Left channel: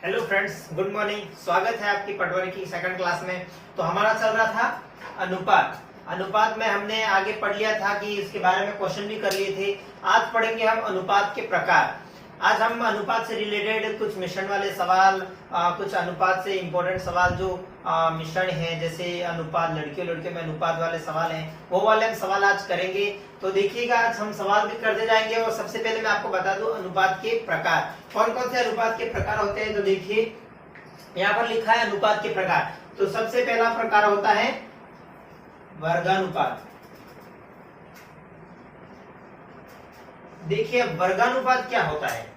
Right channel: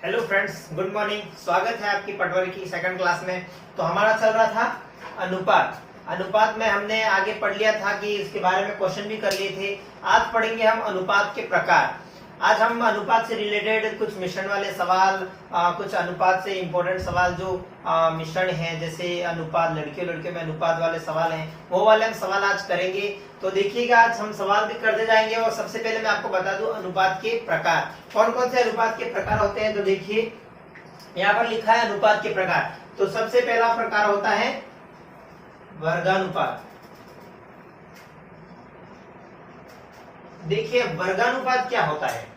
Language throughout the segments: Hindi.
Hello friends, good morning. स्वागत है आपकी पटवारी की सेकंड क्लास में। तो हमारा चल रहा था अनुपात। अनुपात में हमने आगे पढ़ लिया था कि इसके बारे में क्वेश्चन भी कर लिए थे। आज पढ़ेंगे हम अनुपात के प्रकार। आज हम अनुपात से रिलेटेड कुछ मिश्रण वाले सवाल, कुछ अनुपात से इंपॉर्टेंट सवाल जो मिश्रण हैं, जैसे अनुपात लड़कियों लड़कियों में अनुपात वाले सवाल हैं, वो वाले हम सवाल आज करेंगे। तो देखिएगा, आज हम सवाल भी करते जाएंगे। और सबसे पहले मैं आपको बता दूं अनुपात के प्रकार, कौन कौन से अनुपात के प्रकार होते हैं। तो देखिए, यहाँ पर लिखा है अनुपात के प्रकार। तो सबसे पहला प्रकार होता है वर्गानुपात। देखिए, वर्गानुपात क्या होता है।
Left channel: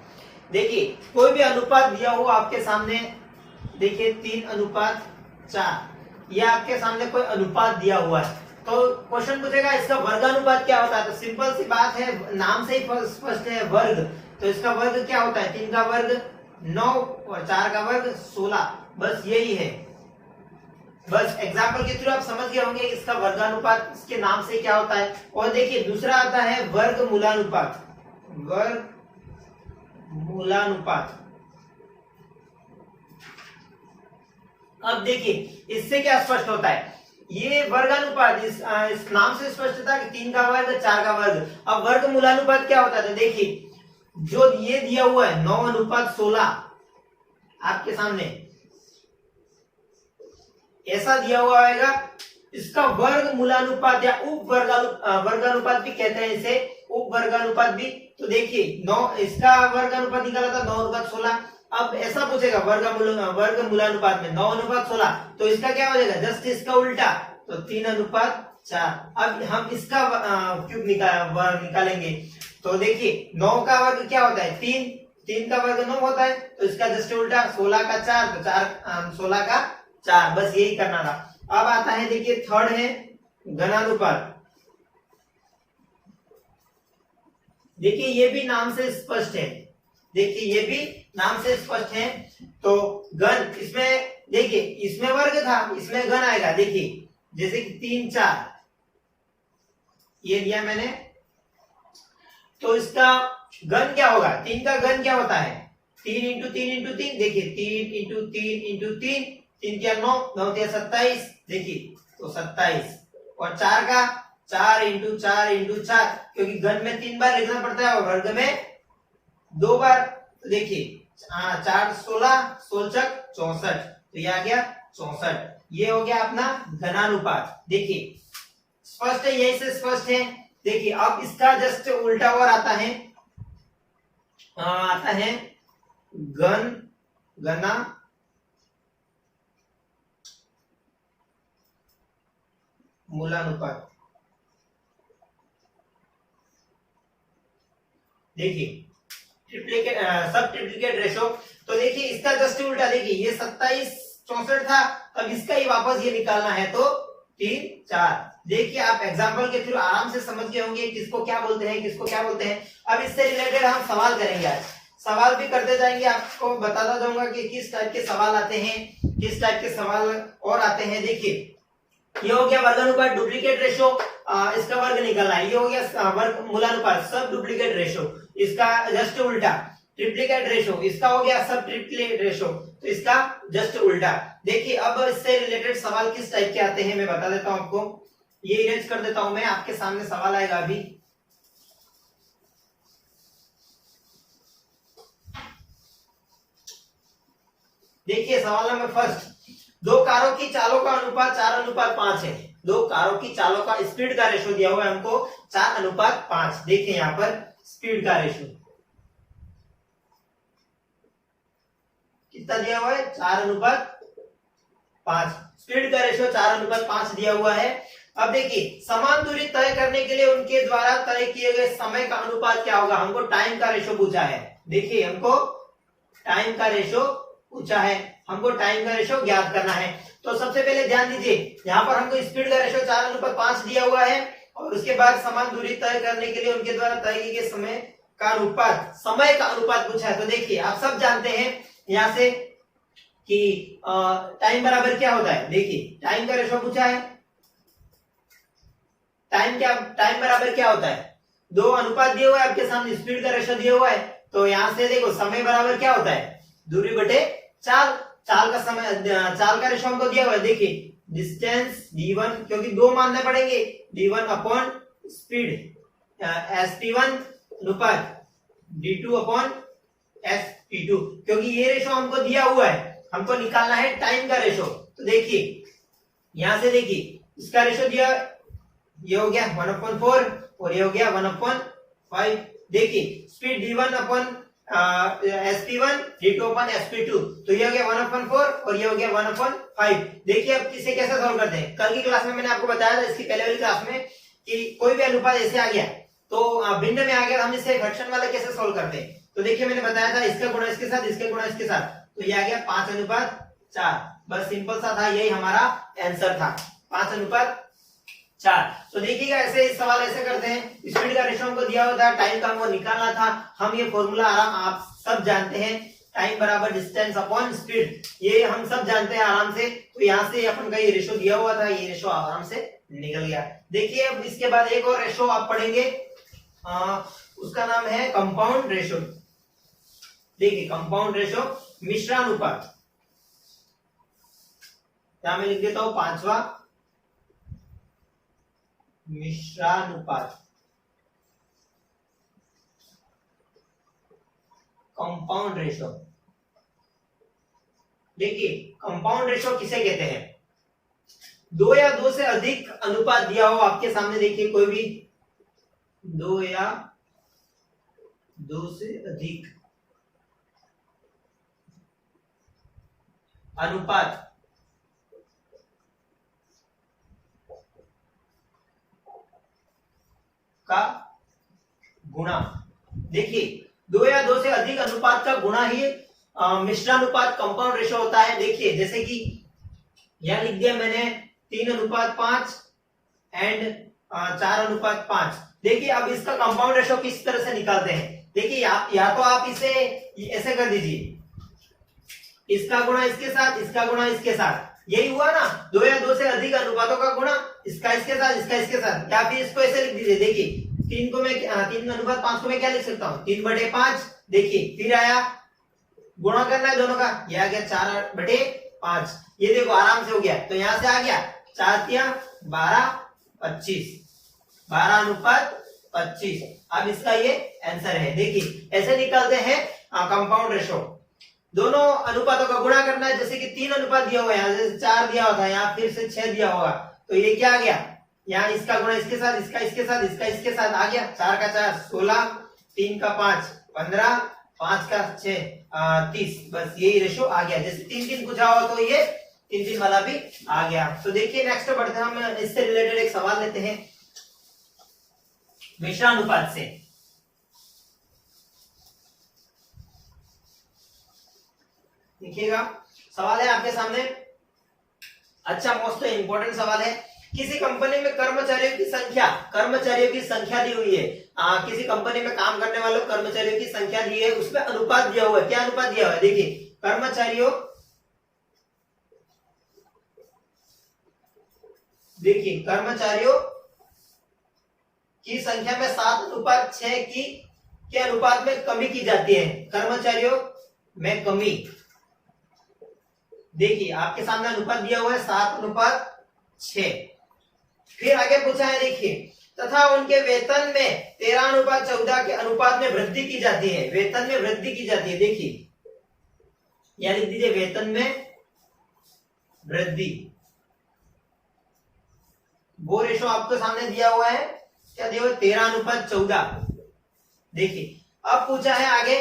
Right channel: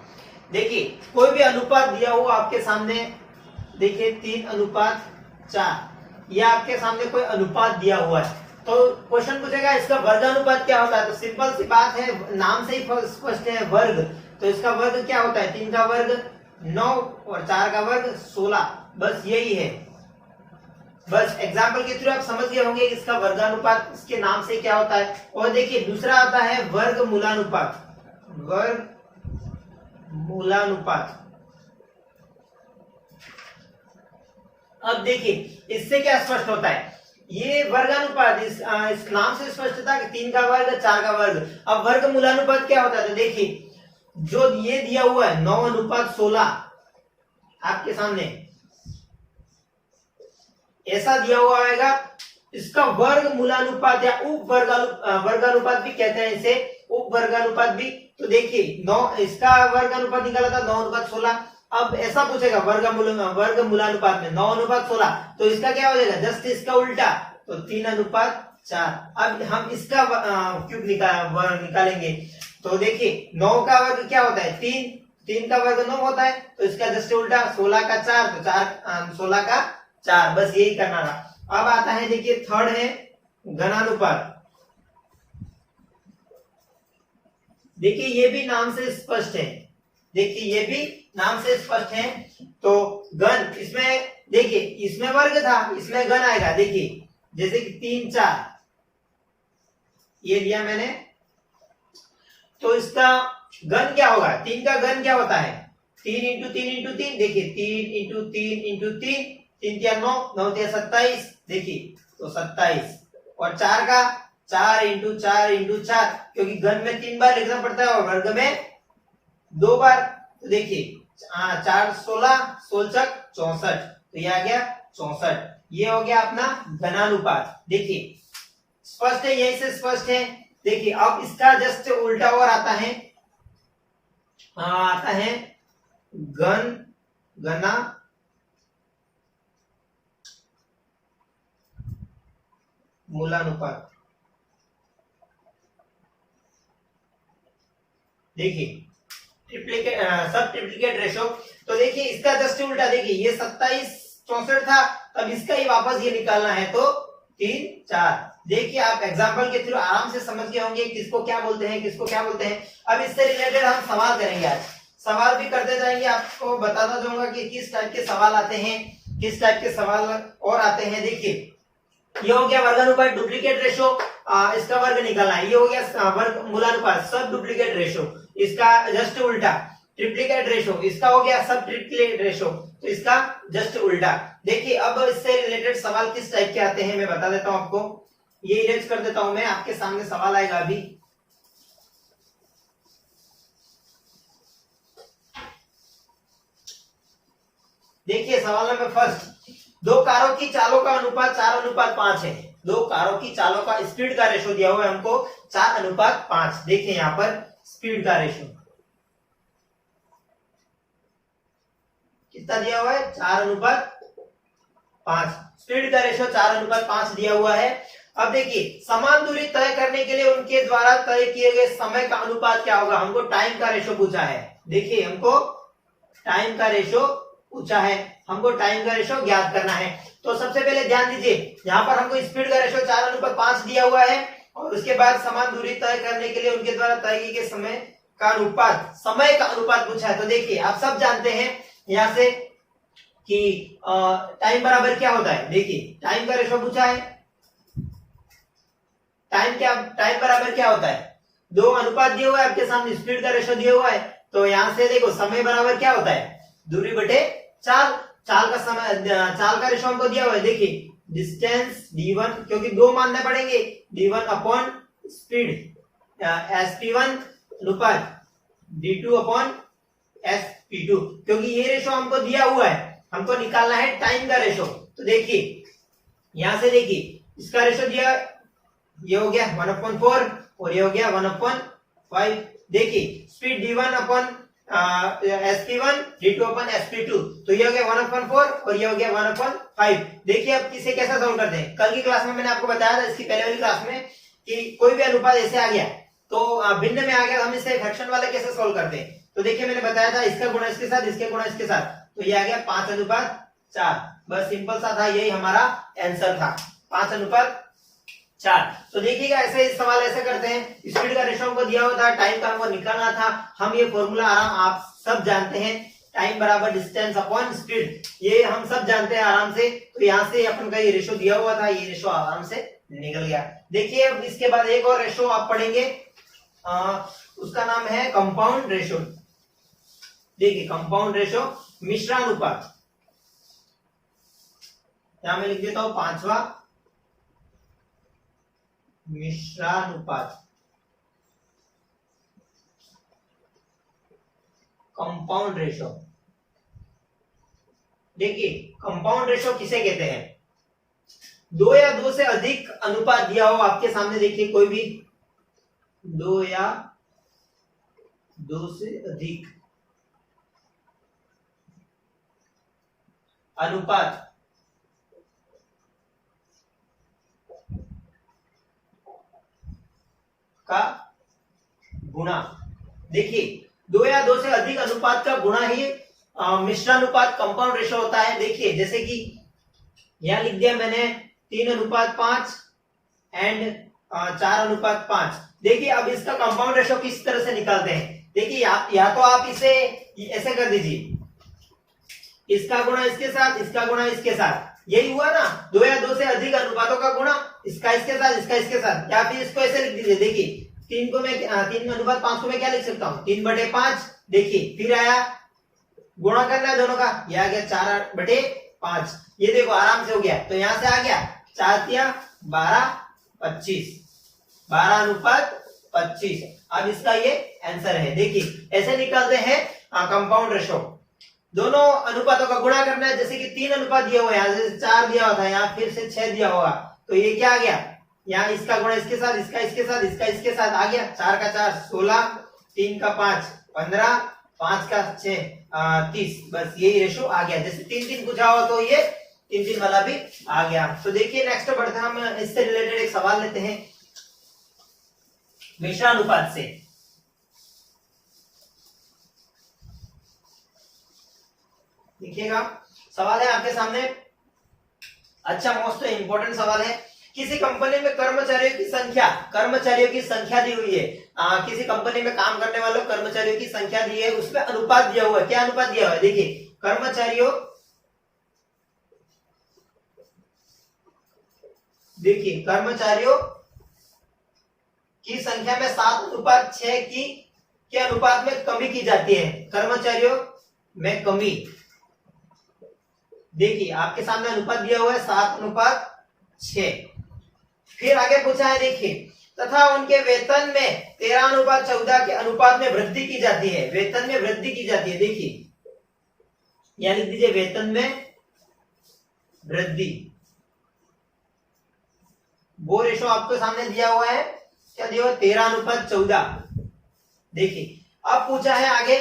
देखिए, कोई भी अनुपात दिया हुआ आपके सामने, देखिए 3:4, यह आपके सामने कोई अनुपात दिया हुआ है। तो क्वेश्चन पूछेगा इसका वर्गानुपात क्या होता है। तो सिंपल सी बात है, नाम से ही स्पष्ट है, वर्ग। तो इसका वर्ग क्या होता है, 3 का वर्ग 9 और 4 का वर्ग 16, बस यही है। बस एग्जाम्पल के थ्रू आप समझ गए होंगे कि इसका वर्गानुपात इसके नाम से क्या होता है। और देखिए, दूसरा आता है वर्गमूलानुपात। वर्गमूलानुपात। अब देखिए, इससे क्या स्पष्ट होता है, ये वर्गानुपात इस नाम से स्पष्ट था कि 3 का वर्ग 4 का वर्ग। अब वर्गमूलानुपात क्या होता है, तो देखिए जो ये दिया हुआ है 9:16 आपके सामने ऐसा दिया हुआ आएगा, इसका वर्गमूलानुपात या उप वर्गानुपात भी कहते हैं इसे, उप वर्गानुपात भी। तो देखिए 9, इसका वर्गानुपात निकाला था 9:16। अब ऐसा पूछेगा वर्गमूलानुपात में 9:16, तो इसका क्या हो जाएगा, जस्ट इसका उल्टा, तो 3:4। अब हम इसका क्यूब निकालेंगे। तो देखिए 9 का वर्ग क्या होता है, 3 का वर्ग 9 होता है, तो इसका जस्ट उल्टा 16 का 4, तो 16 का 4, बस यही करना था। अब आता है, देखिए थर्ड है घनानुपात। देखिए ये भी नाम से स्पष्ट है, देखिए ये भी नाम से स्पष्ट है। तो घन, इसमें देखिए इसमें वर्ग था, इसमें घन आएगा। देखिए जैसे कि 3 4 ये दिया मैंने, तो इसका घन क्या होगा, 3 का घन क्या होता है, 3 इंटू 3 इंटू 3। देखिए 3 इंटू 3 इंटू 3, 3 क्या 9, 9 क्या 27, देखिए तो 27। और 4 का 4 इंटू 4 इंटू 4, क्योंकि घन में 3 बार लिखना पड़ता है और वर्ग में 2 बार। तो देखिए 4 16, 16 64, तो ये आ गया 64। ये हो गया अपना घनानुपात। देखिए स्पष्ट है, यही से स्पष्ट है। देखिए अब इसका जस्ट उल्टा और आता है, घना मूलानुपात। देखिए ट्रिप्लिकेट, सब ट्रिप्लिकेट रेशो। तो देखिए इसका जस्ट उल्टा, देखिए ये 27 64 था, अब इसका ही वापस ये निकालना है, तो 3 4। देखिए आप एग्जांपल के थ्रू आराम से समझ गए होंगे किसको क्या बोलते हैं, किसको क्या बोलते हैं। अब इससे रिलेटेड हम सवाल करेंगे, आज सवाल भी करते जाएंगे, आपको बताता जाऊंगा कि किस टाइप के सवाल आते हैं, किस टाइप के सवाल और आते हैं। देखिए ये हो गया वर्गानुपात, डुप्लीकेट रेशो, इसका वर्ग निकालना है। ये हो गया वर्गमूलानुपात, सब डुप्लीकेट रेशो, इसका जस्ट उल्टा। ट्रिप्लिकेट रेशो, इसका हो गया सब ट्रिप्लिकेट रेशो, तो इसका जस्ट उल्टा। देखिए अब इससे रिलेटेड सवाल किस टाइप के आते हैं मैं बता देता हूं आपको। ये इरेज कर देता हूं मैं, आपके सामने सवाल आएगा अभी। देखिए सवाल नंबर फर्स्ट, 2 कारों की चालों का अनुपात 4:5 है। 2 कारों की चालों का स्पीड का रेशो दिया हुआ है हमको 4:5। देखिए यहां पर स्पीड का रेशो कितना दिया हुआ है, 4:5। स्पीड का रेशो 4:5 दिया हुआ है। अब देखिए समान दूरी तय करने के लिए उनके द्वारा तय किए गए समय का अनुपात क्या होगा। हमको टाइम का रेशो पूछा है। देखिए हमको टाइम का रेशो पूछा है, हमको टाइम का रेशो ज्ञात करना है। तो सबसे पहले ध्यान दीजिए, यहाँ पर हमको स्पीड का रेशो 4:5 दिया हुआ है, और उसके बाद समान दूरी तय करने के लिए उनके द्वारा तय किए गए समय का अनुपात, समय का अनुपात पूछा है। तो देखिए आप सब जानते हैं यहाँ से कि टाइम बराबर क्या होता है। देखिए टाइम का रेशो पूछा है, टाइम बराबर क्या होता है, 2 अनुपात दिए हुआ है आपके सामने, स्पीड का रेशो दिया हुआ है। तो यहां से देखो समय बराबर क्या होता है, दूरी बटे चाल चाल का समय, चाल का रेशो हमको दिया हुआ है, देखिए डिस्टेंस d1, क्योंकि दो मानने पड़ेंगे, d1 अपॉन स्पीड, sp1 अनुपात d2 अपॉन sp2, क्योंकि ये रेशो हमको दिया हुआ है, हमको निकालना है टाइम का रेशो। तो देखिए यहां से देखिए इसका रेशो दिया, ये हो गया 1/4 और ये हो गया 1/5। देखिए speed d1 upon sp1 d2 upon sp2, तो ये हो गया 1/4 और ये हो गया 1/5। देखिए अब इसे कैसे सोल्व करते हैं, कल की क्लास में मैंने आपको बताया था, इसकी पहले वाली क्लास में, कि कोई भी अनुपात ऐसे आ गया तो भिन्न में आ गया, हम इसे फ्रैक्शन वाले कैसे सोल्व करते हैं। तो देखिए मैंने बताया था इसका गुणा इसके साथ, इसके गुणा इसके साथ, तो ये आ गया 5/4। बस सिंपल सा था, यही हमारा आंसर था, 5/4। तो देखिएगा ऐसे सवाल ऐसे करते हैं, स्पीड का रेशो हमको दिया हुआ था, टाइम का हमको निकालना था, हम ये फॉर्मूला आराम आप सब जानते हैं, टाइम बराबर डिस्टेंस अपॉन स्पीड, ये हम सब जानते हैं आराम से। तो यहाँ से अपन का ये रेशो दिया हुआ था, ये रेशो आराम से निकल गया। देखिए अब इसके बाद एक और रेशो आप पढ़ेंगे, उसका नाम है कंपाउंड रेशो। देखिए कंपाउंड रेशो, मिश्रानुपात, यहां मैं लिख देता हूं 5वां, मिश्रानुपात, कंपाउंड रेशो। देखिए कंपाउंड रेशो किसे कहते हैं, दो या दो से अधिक अनुपात दिया हो आपके सामने, देखिए कोई भी दो या दो से अधिक अनुपात का गुणा, देखिए दो या दो से अधिक अनुपात का गुणा ही मिश्रानुपात कंपाउंड रेशो होता है। देखिए जैसे कि यहां लिख दिया मैंने 3:5 एंड 4:5। देखिए अब इसका कंपाउंड रेशो किस तरह से निकालते हैं, देखिए या तो आप इसे ऐसे कर दीजिए, इसका गुणा इसके साथ, इसका गुणा इसके साथ, यही हुआ ना, दो या दो से अधिक अनुपातों का गुणा, इसका इसके साथ, इसका इसके साथ, या फिर इसको ऐसे लिख दीजिए। देखिए 3:5 को मैं क्या लिख सकता हूँ, 3/5। देखिए फिर आया गुणा करना है दोनों का, ये आ गया 4/5, ये देखो आराम से हो गया। तो यहां से आ गया 4×3 = 12, 12:25। अब इसका ये आंसर है। देखिए ऐसे निकालते हैं कंपाउंड रेशो, दोनों अनुपातों का गुणा करना है, जैसे कि 3 अनुपात दिया हुआ है, यहाँ से 4 दिया हुआ था, यहाँ फिर से 6 दिया होगा, तो ये क्या आ गया, यहाँ इसका गुणा इसके साथ, इसका इसके साथ, इसका इसके साथ आ गया, 4 का 4 16, 3 का 5 15, 5 का 6 30। बस यही रेशो आ गया, जैसे 3-3 पूछा हुआ तो ये 3-3 वाला भी आ गया। तो देखिए नेक्स्ट बढ़ते हैं, हम इससे रिलेटेड एक सवाल लेते हैं मिश्रानुपात से। देखिएगा सवाल है आपके सामने, अच्छा मोस्ट इंपोर्टेंट सवाल है, किसी कंपनी में कर्मचारियों की संख्या दी हुई है, किसी कंपनी में काम करने वालों कर्मचारियों की संख्या दी है, उसमें अनुपात दिया हुआ है, क्या अनुपात दिया हुआ है, देखिए कर्मचारियों की संख्या में 7:6 की के अनुपात में कमी की जाती है, कर्मचारियों में कमी। देखिए आपके सामने अनुपात दिया हुआ है 7:6। फिर आगे पूछा है, देखिए तथा उनके वेतन में 13:14 के अनुपात में वृद्धि की जाती है, वेतन में वृद्धि की जाती है। देखिए यह लिख दीजिए, वेतन में वृद्धि, वो रेशो आपके सामने दिया हुआ है, क्या दिया हुआ है, 13:14। देखिए अब पूछा है आगे,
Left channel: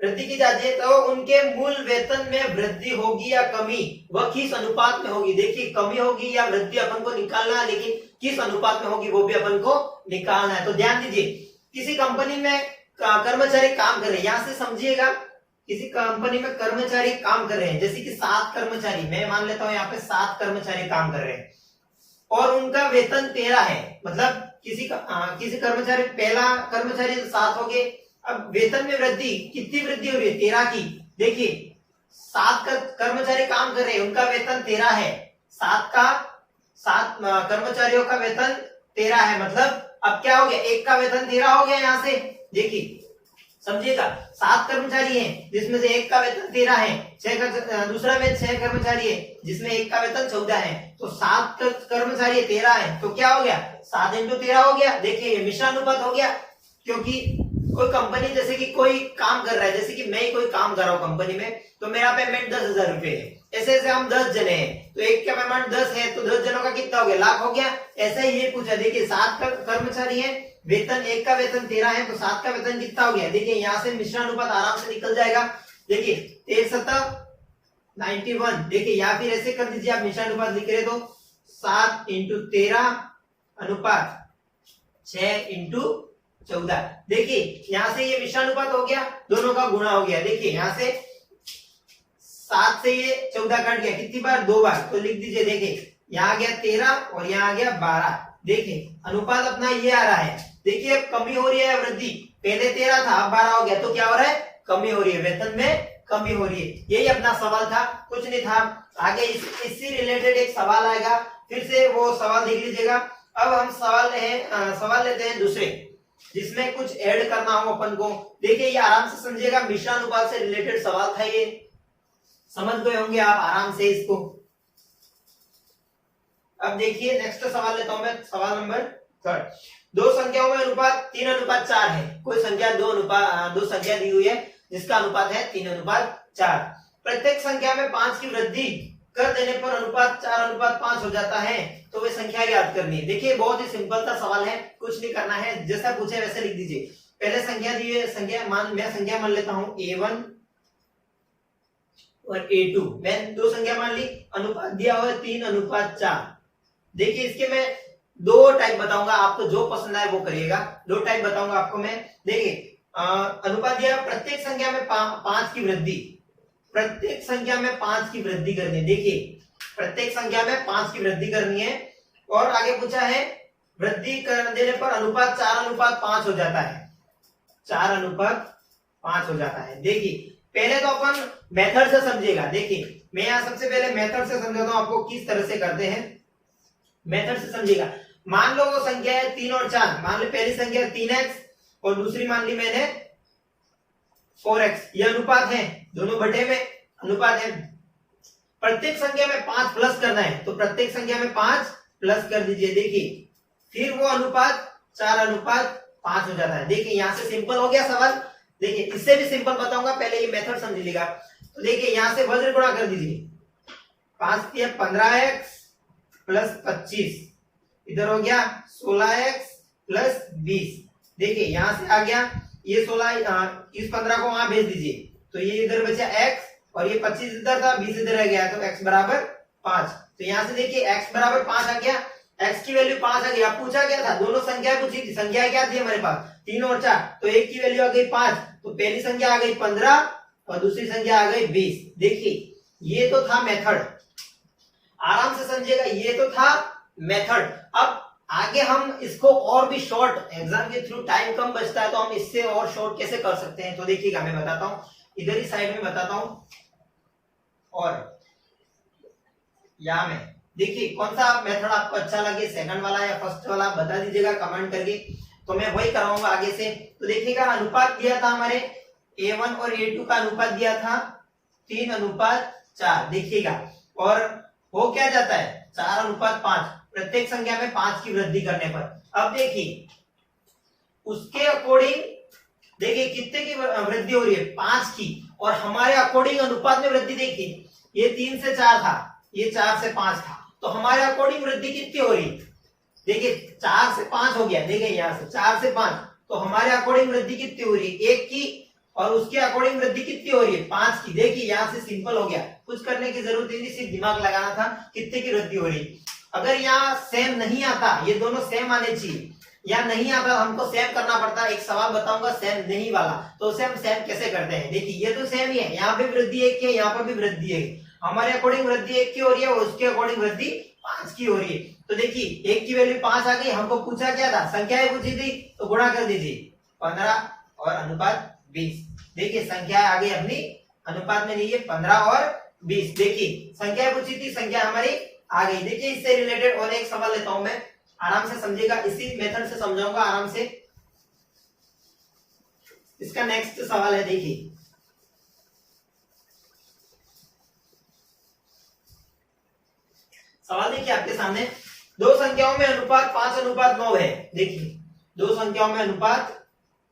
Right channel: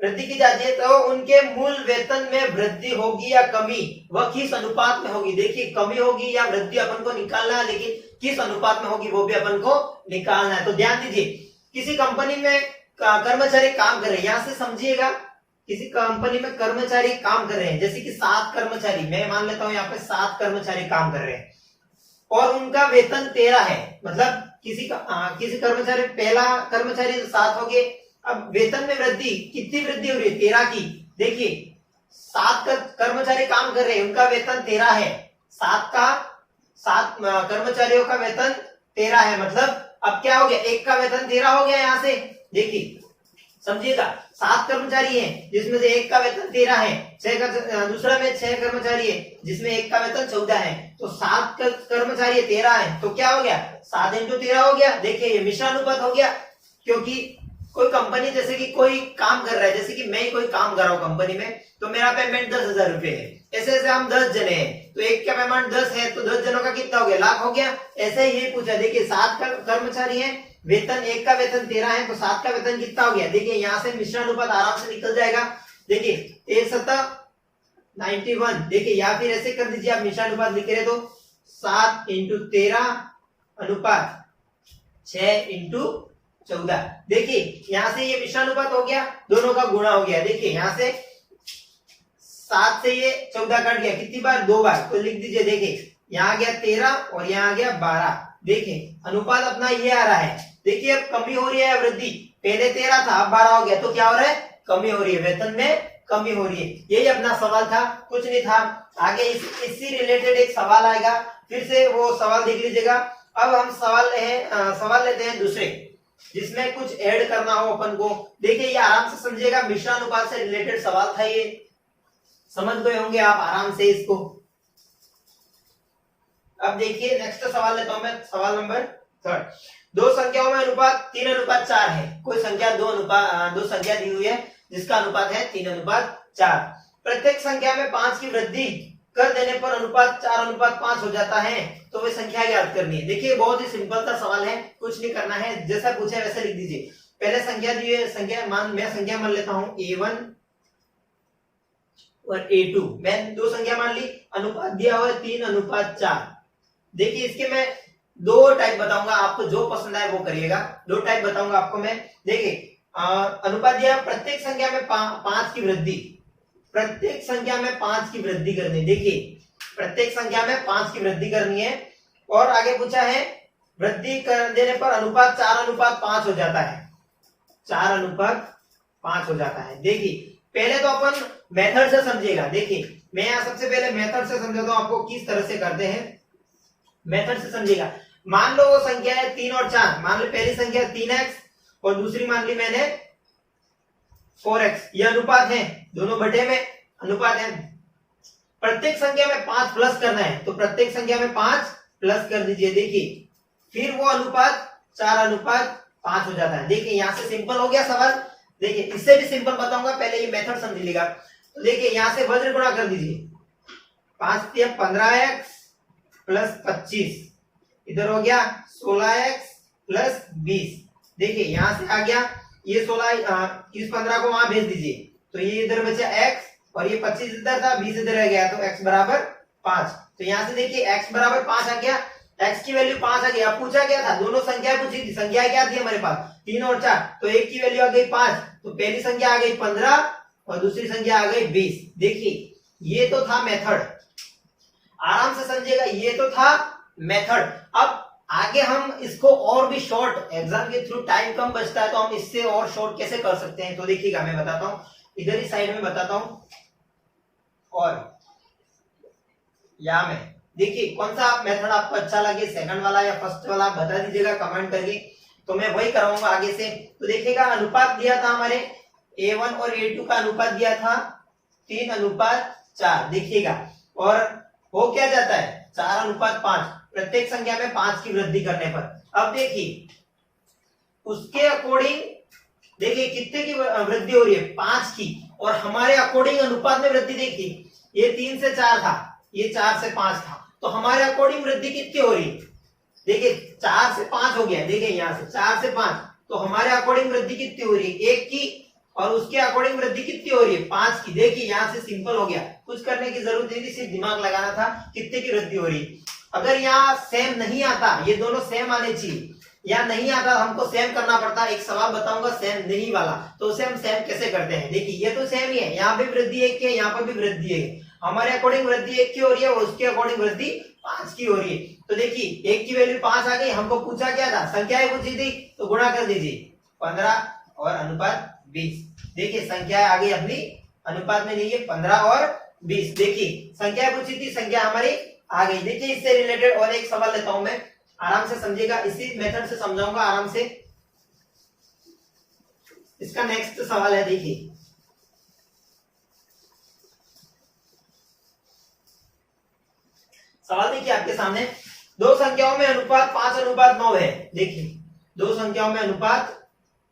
वृद्धि की जाती है तो उनके मूल वेतन में वृद्धि होगी या कमी, वह किस अनुपात में होगी। देखिए कमी होगी या वृद्धि अपन को निकालना है, लेकिन किस अनुपात में होगी वो भी अपन को निकालना है। तो ध्यान दीजिए, किसी कंपनी में कर्मचारी काम कर रहे हैं, यहां से समझिएगा, किसी कंपनी में कर्मचारी काम कर रहे हैं, जैसे कि 7 कर्मचारी, मैं मान लेता हूं यहाँ पे 7 कर्मचारी काम कर रहे हैं और उनका वेतन 13 है, मतलब किसी कर्मचारी, पहला कर्मचारी 7 हो गए। अब वेतन में वृद्धि, कितनी वृद्धि हो रही है, 13 की। देखिए 7 कर्मचारी काम कर रहे हैं, उनका वेतन 13 है, 7 कर्मचारियों का वेतन 13 है, मतलब अब क्या हो गया, एक का वेतन 13 हो गया। यहां से देखिए समझिएगा, 7 कर्मचारी हैं जिसमें से एक का वेतन 13 है, दूसरा में 6 कर्मचारी है जिसमें एक का वेतन 14 है, तो 7 कर्मचारी 13 है, तो क्या हो गया 7 × 13 हो गया। देखिए ये मिश्रानुपात हो गया, क्योंकि कोई कंपनी जैसे कि कोई काम कर रहा है, जैसे कि मैं कोई काम कर रहा हूँ कंपनी में, तो मेरा पेमेंट 10,000 रुपए है, ऐसे ऐसे हम 10 जने हैं, तो एक का पेमेंट 10 है, तो 10 जनों का कितना हो गया, लाख हो गया। ऐसे ही ये पूछा, देखिए 7 कर्मचारी है, वेतन एक का वेतन 13 है, तो 7 का वेतन कितना हो गया, देखिए यहाँ से मिश्रानुपात आराम से निकल जाएगा। देखिए 13 × 91, देखिए या फिर ऐसे कर दीजिए, आप मिश्रानुपात लिख रहे तो 7 × 13 अनुपात 6 × 14। देखिए यहां से ये मिश्रानुपात हो गया, दोनों का गुणा हो गया। देखिए यहां से 7 से ये 14 कट गया, कितनी बार, 2 बार, तो लिख दीजिए। देखिए यहाँ आ गया 13 और यहाँ आ गया 12। देखिए अनुपात अपना ये आ रहा है। देखिए अब कमी हो रही है वृद्धि, पहले 13 था अब 12 हो गया, तो क्या हो रहा है, कमी हो रही है, वेतन में कमी हो रही है। यही अपना सवाल था, कुछ नहीं था। आगे इससे रिलेटेड एक सवाल आएगा, फिर से वो सवाल देख लीजिएगा। अब हम सवाल लेते हैं दूसरे, जिसमें कुछ ऐड करना हो अपन को। देखिए ये आराम से समझिएगा, मिश्रानुपात से रिलेटेड सवाल था, ये समझ गए होंगे आप आराम से इसको। अब देखिए नेक्स्ट सवाल लेता हूं मैं, सवाल नंबर 3। दो संख्याओं में अनुपात 3:4 है। कोई संख्या दो संख्या दी हुई है जिसका अनुपात है 3:4। प्रत्येक संख्या में 5 की वृद्धि कर देने पर अनुपात 4:5 हो जाता है, तो वे संख्या ज्ञात करनी है। देखिए बहुत ही सिंपल सा सवाल है, कुछ नहीं करना है, जैसा पूछे वैसे लिख दीजिए। पहले संख्या दी है, मैं संख्या मान लेता हूं A1 और A2, मैं दो संख्या मान ली, अनुपात दिया हुआ है 3:4। देखिए इसके मैं 2 टाइप बताऊंगा, आपको जो पसंद आए वो करिएगा। 2 टाइप बताऊंगा आपको मैं। देखिए अनुपात दिया, प्रत्येक संख्या में 5 की वृद्धि, प्रत्येक संख्या में 5 की वृद्धि करनी है। देखिए प्रत्येक संख्या में 5 की वृद्धि करनी है, और आगे पूछा है वृद्धि कर देने पर अनुपात 4:5 हो जाता है, 4:5 हो जाता है। देखिए पहले तो अपन मेथड से समझिएगा। देखिए मैं यहाँ सबसे पहले मेथड से समझाता हूं आपको किस तरह से करते हैं, मेथड से समझिएगा। मान लो वो संख्या है 3 और 4, मान लो पहली संख्या 3x और दूसरी मान ली मैंने 4x, ये अनुपात है, दोनों बटे में अनुपात है। प्रत्येक संख्या में 5 प्लस करना है, तो प्रत्येक संख्या में 5 प्लस कर दीजिए। देखिए फिर वो अनुपात 4:5 हो जाता है। देखिए यहां से सिंपल हो गया सवाल। देखिए इससे भी सिंपल बताऊंगा, पहले ये मेथड समझ लीजिएगा। तो देखिए यहां से वज्र गुणा कर दीजिए, 5 × 15x + 25, इधर हो गया 16x + 20। देखिए यहां से आ गया ये 16, इस 15 को वहां भेज दीजिए, तो ये इधर बचा x और ये 25 इधर था, 20 इधर रह गया, तो x = 5। तो यहां से देखिए x = 5 आ गया, x की वैल्यू 5 आ गई। अब पूछा क्या था, दोनों संख्या पूछी थी, संख्या क्या थी हमारे पास 3 और 4, तो एक की वैल्यू आ गई 5, तो पहली संख्या आ गई 15 और दूसरी संख्या आ गई 20। देखिए ये तो था मेथड, आराम से समझिएगा, ये तो था मेथड। अब आगे हम इसको और भी शॉर्ट, एग्जाम के थ्रू टाइम कम बचता है तो हम इससे और शॉर्ट कैसे कर सकते हैं, तो देखिएगा मैं बताता हूं, इधर ही साइड में बताता हूं। और यहां में देखिए कौन सा मेथड आपको अच्छा लगे, सेकंड वाला या फर्स्ट वाला, आप बता दीजिएगा कमेंट करके, तो मैं वही करवाऊंगा आगे से। तो देखिएगा अनुपात दिया था हमारे A1 और A2 का अनुपात दिया था 3:4। देखिएगा और हो क्या जाता है 4:5, प्रत्येक संख्या में 5 की वृद्धि करने पर। अब देखिए उसके अकॉर्डिंग, देखिए कितने की वृद्धि हो रही है, 5 की, और हमारे अकॉर्डिंग अनुपात में वृद्धि देखिए, ये 3 से 4 था, ये 4 से 5 था, तो हमारे अकॉर्डिंग वृद्धि कितनी हो रही है, देखिए 4 से 5 हो गया। देखिए यहां से 4 से 5, तो हमारे अकॉर्डिंग वृद्धि कितनी हो रही है, 1 की, और उसके अकॉर्डिंग वृद्धि कितनी हो रही है, 5 की। देखिए यहां से सिंपल हो गया, कुछ करने की जरूरत नहीं थी, सिर्फ दिमाग लगाना था कितने की वृद्धि हो रही है। अगर यहाँ सेम नहीं आता, ये दोनों सेम आने चाहिए, या नहीं आता हमको सेम करना पड़ता। एक सवाल बताऊंगा सेम नहीं वाला, तो उसे हम सेम कैसे करते हैं। देखिए ये तो सेम ही है, यहाँ पे वृद्धि 1 की है, यहाँ पर भी वृद्धि है, हमारे अकॉर्डिंग वृद्धि 1 की हो रही है और उसके अकॉर्डिंग वृद्धि 5 की हो रही है। तो देखिए 1 की वैल्यू 5 आ गई, हमको पूछा क्या था, संख्याएं पूछी थी, तो गुणा कर दीजिए 15 और अनुपात 20। देखिए संख्या आ गई अपनी, अनुपात में नहीं है 15 और 20। देखिए संख्या पूछी थी, संख्या हमारी आ गई। देखिए इससे रिलेटेड और एक सवाल लेता हूं मैं, आराम से समझिएगा, इसी मेथड से समझाऊंगा आराम से। इसका नेक्स्ट सवाल है, देखिए सवाल देखिए आपके सामने, दो संख्याओं में अनुपात 5:9 है। देखिए दो संख्याओं में अनुपात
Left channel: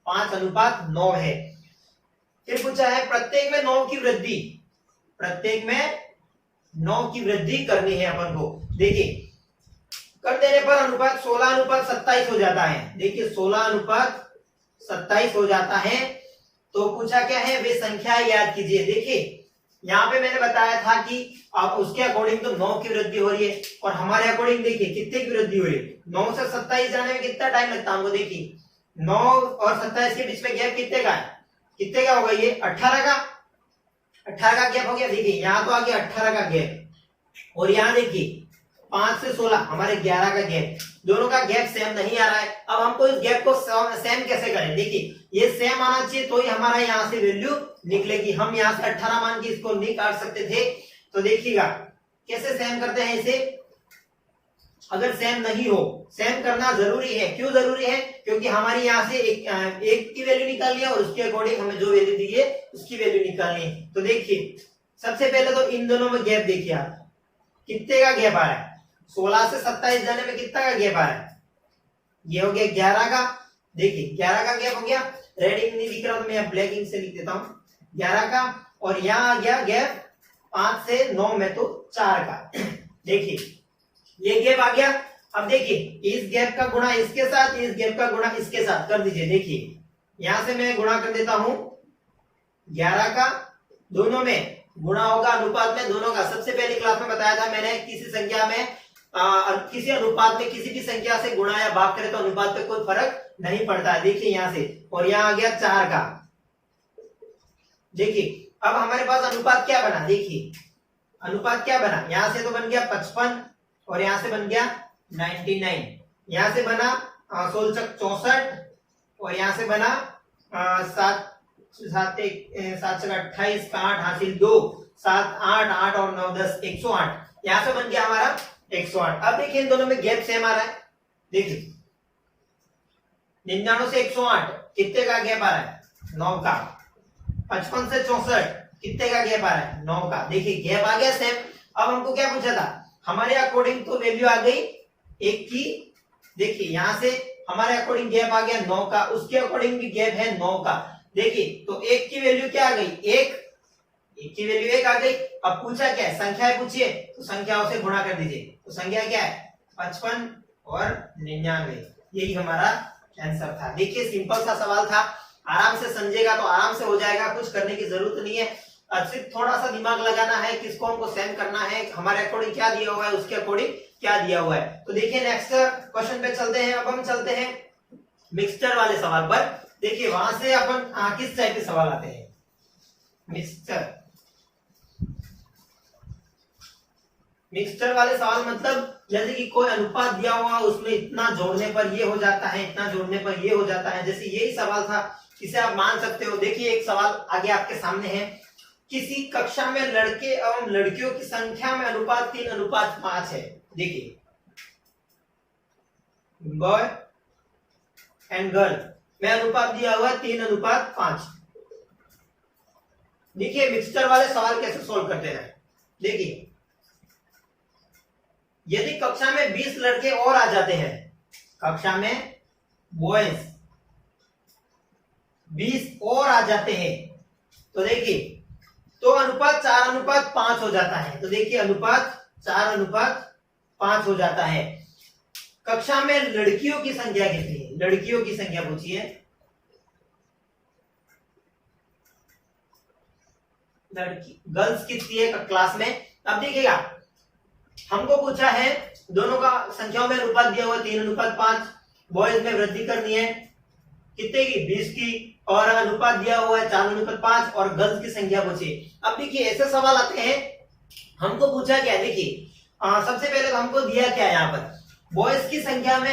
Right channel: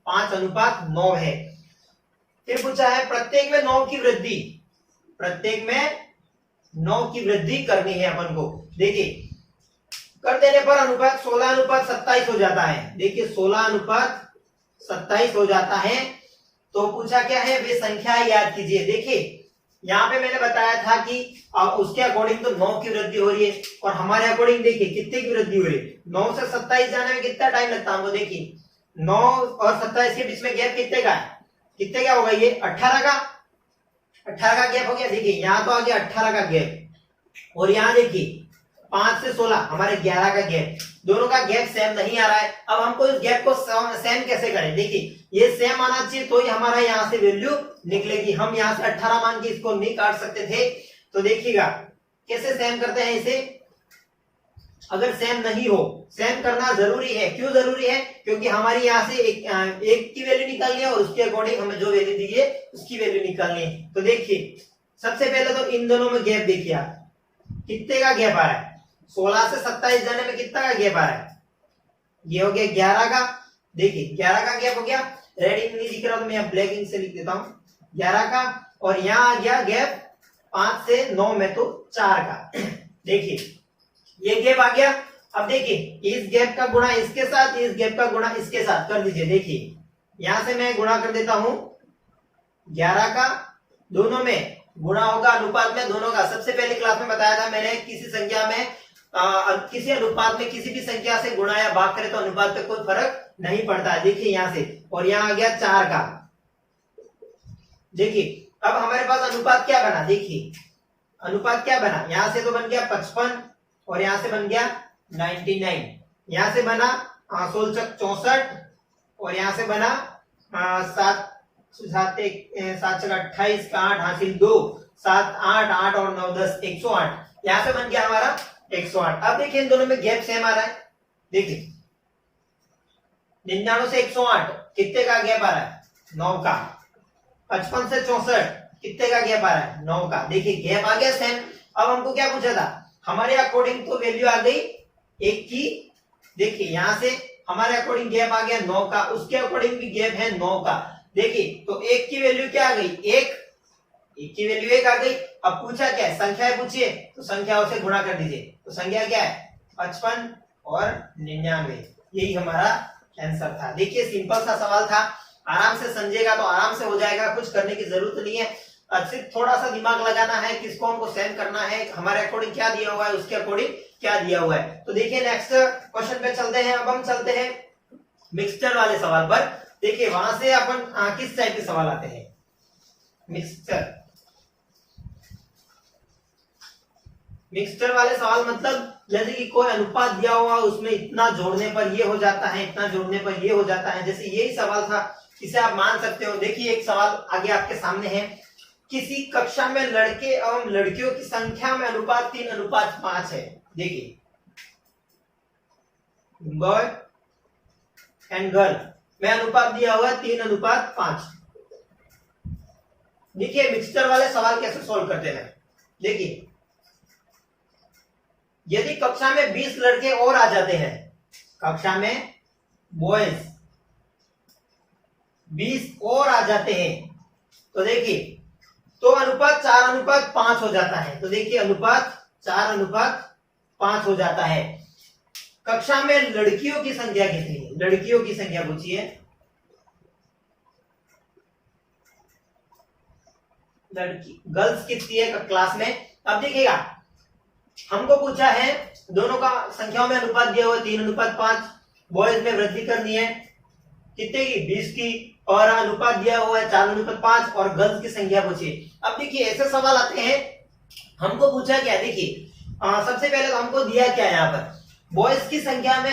5:9 है। फिर पूछा है प्रत्येक में 9 की वृद्धि, प्रत्येक में 9 की वृद्धि करनी है अपन को। देखिए कर देने पर अनुपात 16:27 हो जाता है। देखिए 16:27 हो जाता है। तो पूछा क्या है, वे संख्या याद कीजिए। देखिए यहाँ पे मैंने बताया था कि उसके अकॉर्डिंग तो 9 की वृद्धि हो रही है, और हमारे अकॉर्डिंग देखिए कितने की वृद्धि हुई है, 9 से 27 जाने में कितना टाइम लगता है हमको। देखिए 9 और 27 के बीच में गैप कितने का है, कितने का होगा ये 18 का, 18 का गैप हो गया। देखिए यहाँ तो आ गया 18 का गैप, और यहाँ देखिए 5 से 16 हमारे 11 का गैप, दोनों का गैप सेम नहीं आ रहा है। अब हमको इस गैप को सेम कैसे करें, देखिए ये सेम आना चाहिए तो ही हमारा यहाँ से वैल्यू निकलेगी। हम यहाँ से 18 मान के इसको नहीं काट सकते थे। तो देखिएगा कैसे सेम करते हैं इसे। अगर सेम नहीं हो, सेम करना जरूरी है। क्यों जरूरी है, क्योंकि हमारी यहाँ से एक की वैल्यू निकालनी है और उसके अकॉर्डिंग हमें जो वैल्यू दी है उसकी वैल्यू निकालनी है। तो देखिए सबसे पहले तो इन दोनों में गैप देखिए आप, कितने का गैप आ रहा है, 16 से 27 जाने में कितना का गैप आ रहा है, ये हो गया 11 का। देखिए 11 का गैप हो गया, रेड इंक नहीं दिख रहा तो मैं ब्लैक इंक से लिख देता हूं 11 का, और यहाँ आ गया गैप 5 से 9 में तो 4 का। देखिए ये गैप आ गया। अब देखिए इस गैप का गुणा इसके साथ, इस गैप का गुणा इसके साथ कर दीजिए। देखिए यहां से मैं गुणा कर देता हूं 11 का, दोनों में गुणा होगा अनुपात में दोनों का। सबसे पहली क्लास में बताया था मैंने, किसी संख्या में किसी अनुपात में किसी भी संख्या से गुणा या भाग करे तो अनुपात पे कोई फर्क नहीं पड़ता है। देखिए यहां से, और यहाँ आ गया 4 का। देखिए अब हमारे पास अनुपात क्या बना, देखिए अनुपात क्या बना, यहां से तो बन गया 55 और यहां से बन गया 99, यहां से बना 16 चक 64 और यहां से बना 7 7 चक 28 का 8 हासिल 2 7 8 8 और 9 10 108, यहां से बन गया हमारा 108। अब देखिए इन दोनों में गैप सेम आ रहा है। देखिए 99 से 108 कितने का गैप आ रहा है, 9 का। 55 से 64 कितने का गैप आ रहा है, 9 का। देखिए गैप आ गया सेम। अब हमको क्या पूछा था, हमारे अकॉर्डिंग तो वैल्यू आ गई 1 की। देखिए यहां से हमारे अकॉर्डिंग गैप आ गया 9 का, उसके अकॉर्डिंग भी गैप है 9 का। देखिए तो 1 की वैल्यू क्या आ गई, 1 की वैल्यू 1 आ गई। अब पूछा क्या है, संख्याएं पूछिए तो संख्याओं से गुणा कर दीजिए। तो संख्या क्या है 55 और 99, यही हमारा आंसर था। देखिए सिंपल सा सवाल था, आराम से समझेगा तो आराम से हो जाएगा, कुछ करने की जरूरत नहीं है। सिर्फ थोड़ा सा दिमाग लगाना है, किसको हमको सेम करना है, हमारे अकॉर्डिंग क्या दिया हुआ है, उसके अकॉर्डिंग क्या दिया हुआ है। तो देखिए नेक्स्ट क्वेश्चन पे चलते हैं। अब हम चलते हैं मिक्सचर वाले सवाल पर। देखिए वहां से अपन किस टाइप के सवाल आते हैं, मिक्सचर वाले सवाल मतलब जैसे कि कोई अनुपात दिया हुआ, उसमें इतना जोड़ने पर ये हो जाता है, इतना जोड़ने पर ये हो जाता है, जैसे यही सवाल था, इसे आप मान सकते हो। देखिए एक सवाल आगे आपके सामने है, किसी कक्षा में लड़के एवं लड़कियों की संख्या में अनुपात 3:5 है। देखिए बॉय एंड गर्ल में अनुपात दिया हुआ है 3:5। देखिए मिक्सचर वाले सवाल कैसे सोल्व करते हैं। देखिए यदि कक्षा में 20 लड़के और आ जाते हैं, कक्षा में बॉयज 20 और आ जाते हैं, तो देखिए तो अनुपात 4:5 हो जाता है। तो देखिए अनुपात 4:5 हो जाता है। कक्षा में लड़कियों की संख्या कितनी है, लड़कियों की संख्या पूछिए, लड़की गर्ल्स कितनी है क्लास में। अब देखिएगा हमको पूछा है दोनों का संख्याओं में अनुपात दिया हुआ है 3:5, बॉयज में वृद्धि करनी है कितने की, 20 की, और अनुपात दिया हुआ है 4:5 और गर्ल्स की संख्या पूछिए। अब देखिए ऐसे सवाल आते हैं, हमको पूछा क्या, देखिए सबसे पहले तो हमको दिया क्या है, यहाँ पर बॉयज की संख्या में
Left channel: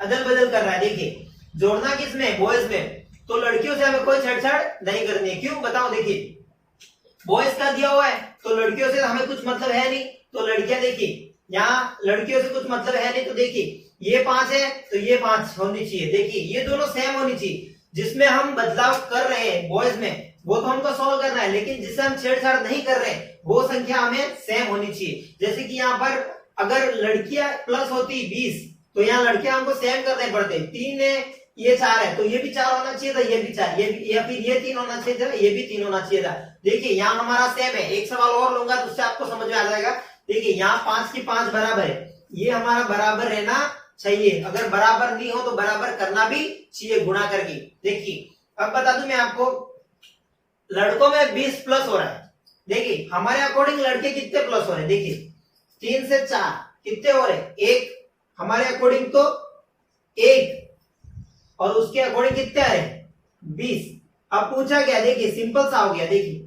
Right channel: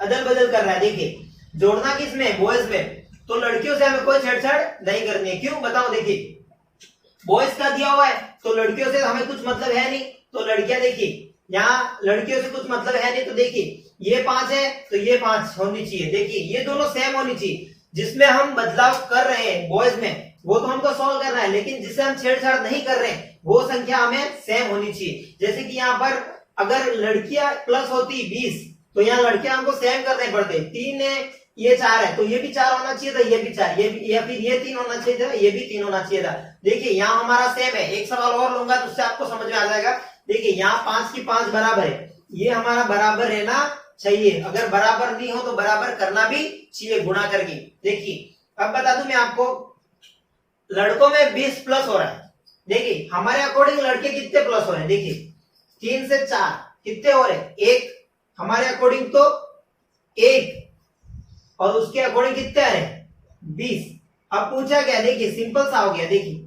अदल बदल कर रहा है। देखिए जोड़ना किसमें, बॉयज में, तो लड़कियों से हमें कोई छेड़छाड़ नहीं करनी है। क्यों बताओ, देखिए बॉयज का दिया हुआ है तो लड़कियों से हमें कुछ मतलब है नहीं, तो लड़कियां देखिए यहाँ लड़कियों से कुछ मतलब है नहीं, तो देखिए ये 5 है तो ये 5 होनी चाहिए। देखिए ये दोनों सेम होनी चाहिए, जिसमें हम बदलाव कर रहे हैं बॉयज में वो तो हमको सॉल्व करना है, लेकिन जिससे हम छेड़छाड़ नहीं कर रहे हैं वो संख्या हमें सेम होनी चाहिए। जैसे कि यहाँ पर अगर लड़कियां प्लस होती 20 तो यहाँ लड़कियां हमको सेम करने पड़ते, 3 है ये 4 है तो ये भी 4 होना चाहिए था, ये भी 4, ये भी, या फिर ये 3 होना चाहिए था, ये भी 3 होना चाहिए था। देखिए यहाँ हमारा सेम है। एक सवाल और लूंगा तो उससे आपको समझ में आ जाएगा। देखिए यहाँ 5 की 5 बराबर है, ये हमारा बराबर रहना चाहिए। अगर बराबर नहीं हो तो बराबर करना भी चाहिए गुणा करके। देखिए अब बता दूं मैं आपको, लड़कों में 20 प्लस हो रहा है। देखिए हमारे अकॉर्डिंग लड़के कितने प्लस हो रहे हैं, देखिए 3 से 4 कितने हो रहे हैं, 1। हमारे अकॉर्डिंग तो 1 और उसके अकॉर्डिंग कितने आ रहे हैं 20। अब पूछा क्या, देखिए सिंपल सा हो गया। देखिए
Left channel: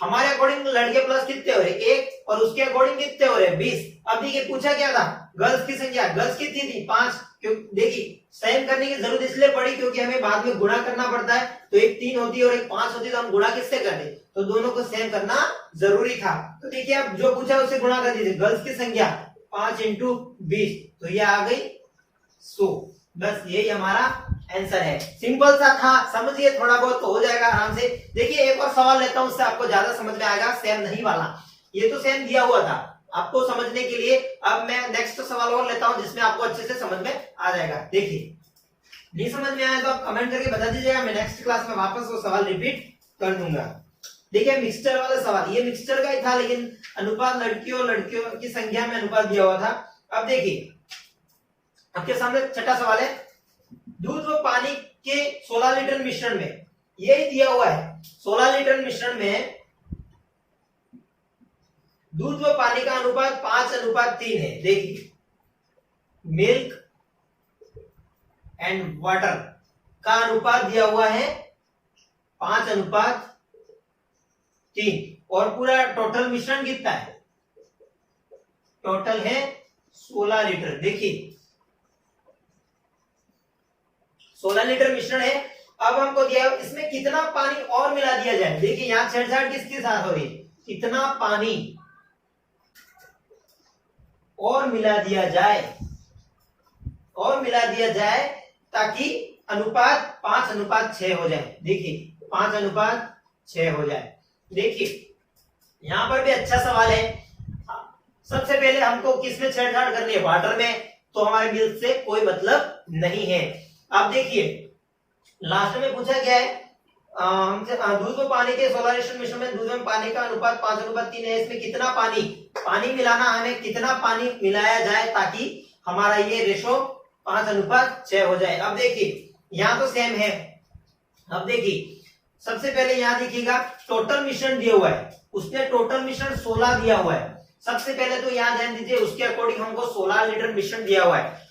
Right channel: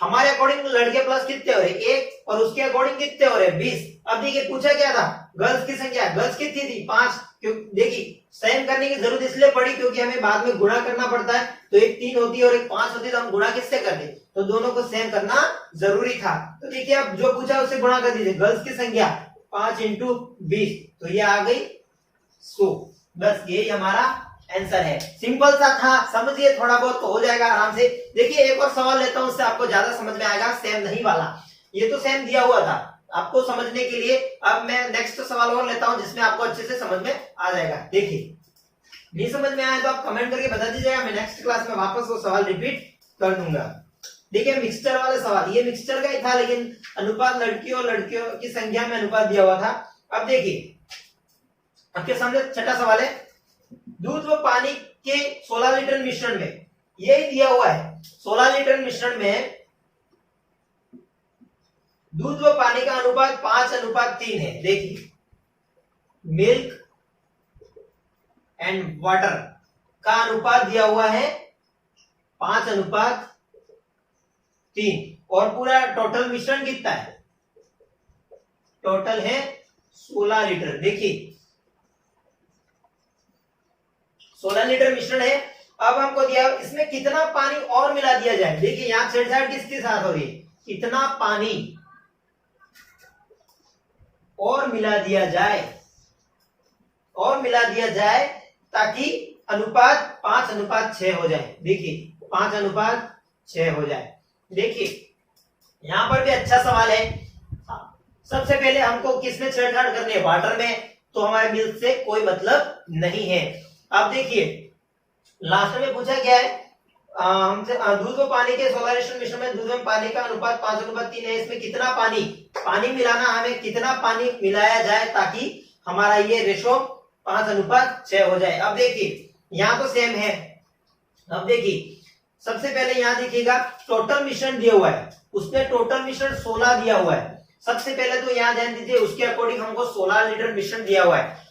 हमारे अकॉर्डिंग लड़के प्लस कितने हो रहे हैं 1 और उसके अकॉर्डिंग कितने हो रहे हैं 20। अब देखिए पूछा क्या था, गर्ल्स की संख्या, गर्ल्स कितनी थी 5। क्यों, देखिए सेम करने की जरूरत इसलिए पड़ी क्योंकि हमें बाद में गुणा करना पड़ता है, तो एक 3 होती है और एक 5 होती है, तो हम गुणा किससे करते, तो दोनों को सेम करना जरूरी था। तो देखिए अब जो पूछा उससे गुणा कर दीजिए, गर्ल्स की संख्या 5 इंटू 20 तो ये आ गई 100। बस यही हमारा आंसर है। सिंपल सा था, समझिए थोड़ा बहुत तो हो जाएगा आराम से। देखिए एक और सवाल लेता हूं, उससे आपको ज्यादा समझ में आएगा। सेम नहीं वाला, ये तो सेम दिया हुआ था आपको समझने के लिए। अब मैं नेक्स्ट सवाल और लेता हूं जिसमें आपको अच्छे से समझ में आ जाएगा। देखिए नहीं समझ में आया तो आप कमेंट करके बता दीजिएगा, मैं नेक्स्ट क्लास में वापस वो सवाल रिपीट कर दूंगा। देखिए मिक्सचर वाले सवाल, ये मिक्सचर का ही था लेकिन अनुपात लड़कियों की संख्या में अनुपात दिया हुआ था। अब देखिए आपके सामने छठा सवाल है, दूध व पानी के 16 लीटर मिश्रण में, यही दिया हुआ है 16 लीटर मिश्रण में दूध व पानी का अनुपात 5:3 है। देखिए मिल्क एंड वाटर का अनुपात दिया हुआ है 5:3 और पूरा टोटल मिश्रण कितना है, टोटल है 16 लीटर। देखिए 16 लीटर मिश्रण है। अब हमको दिया इसमें कितना पानी और मिला दिया जाए। देखिए यहां छेड़छाड़ किसके साथ हो रही है, कितना पानी और मिला दिया जाए, और मिला दिया जाए ताकि अनुपात 5:6 हो जाए। देखिए 5:6 हो जाए। देखिए यहां पर भी अच्छा सवाल है। सबसे पहले हमको किसमें छेड़छाड़ करनी है, वाटर में, तो हमारे मिल्क से कोई मतलब नहीं है। अब देखिए लास्ट में पूछा गया है हमसे दूध व पानी के 16 लीटर मिश्रण में दूध व पानी का अनुपात 5:3 है। इसमें कितना पानी मिलाना, हमें कितना पानी मिलाया जाए ताकि हमारा ये रेशो 5:6 हो जाए। अब देखिए यहाँ तो सेम है। अब देखिए सबसे पहले यहाँ देखिएगा टोटल मिश्रण दिया हुआ है, उसने टोटल मिश्रण 16 दिया हुआ है। सबसे पहले तो यहाँ ध्यान दीजिए उसके अकॉर्डिंग हमको 16 लीटर मिश्रण दिया हुआ है।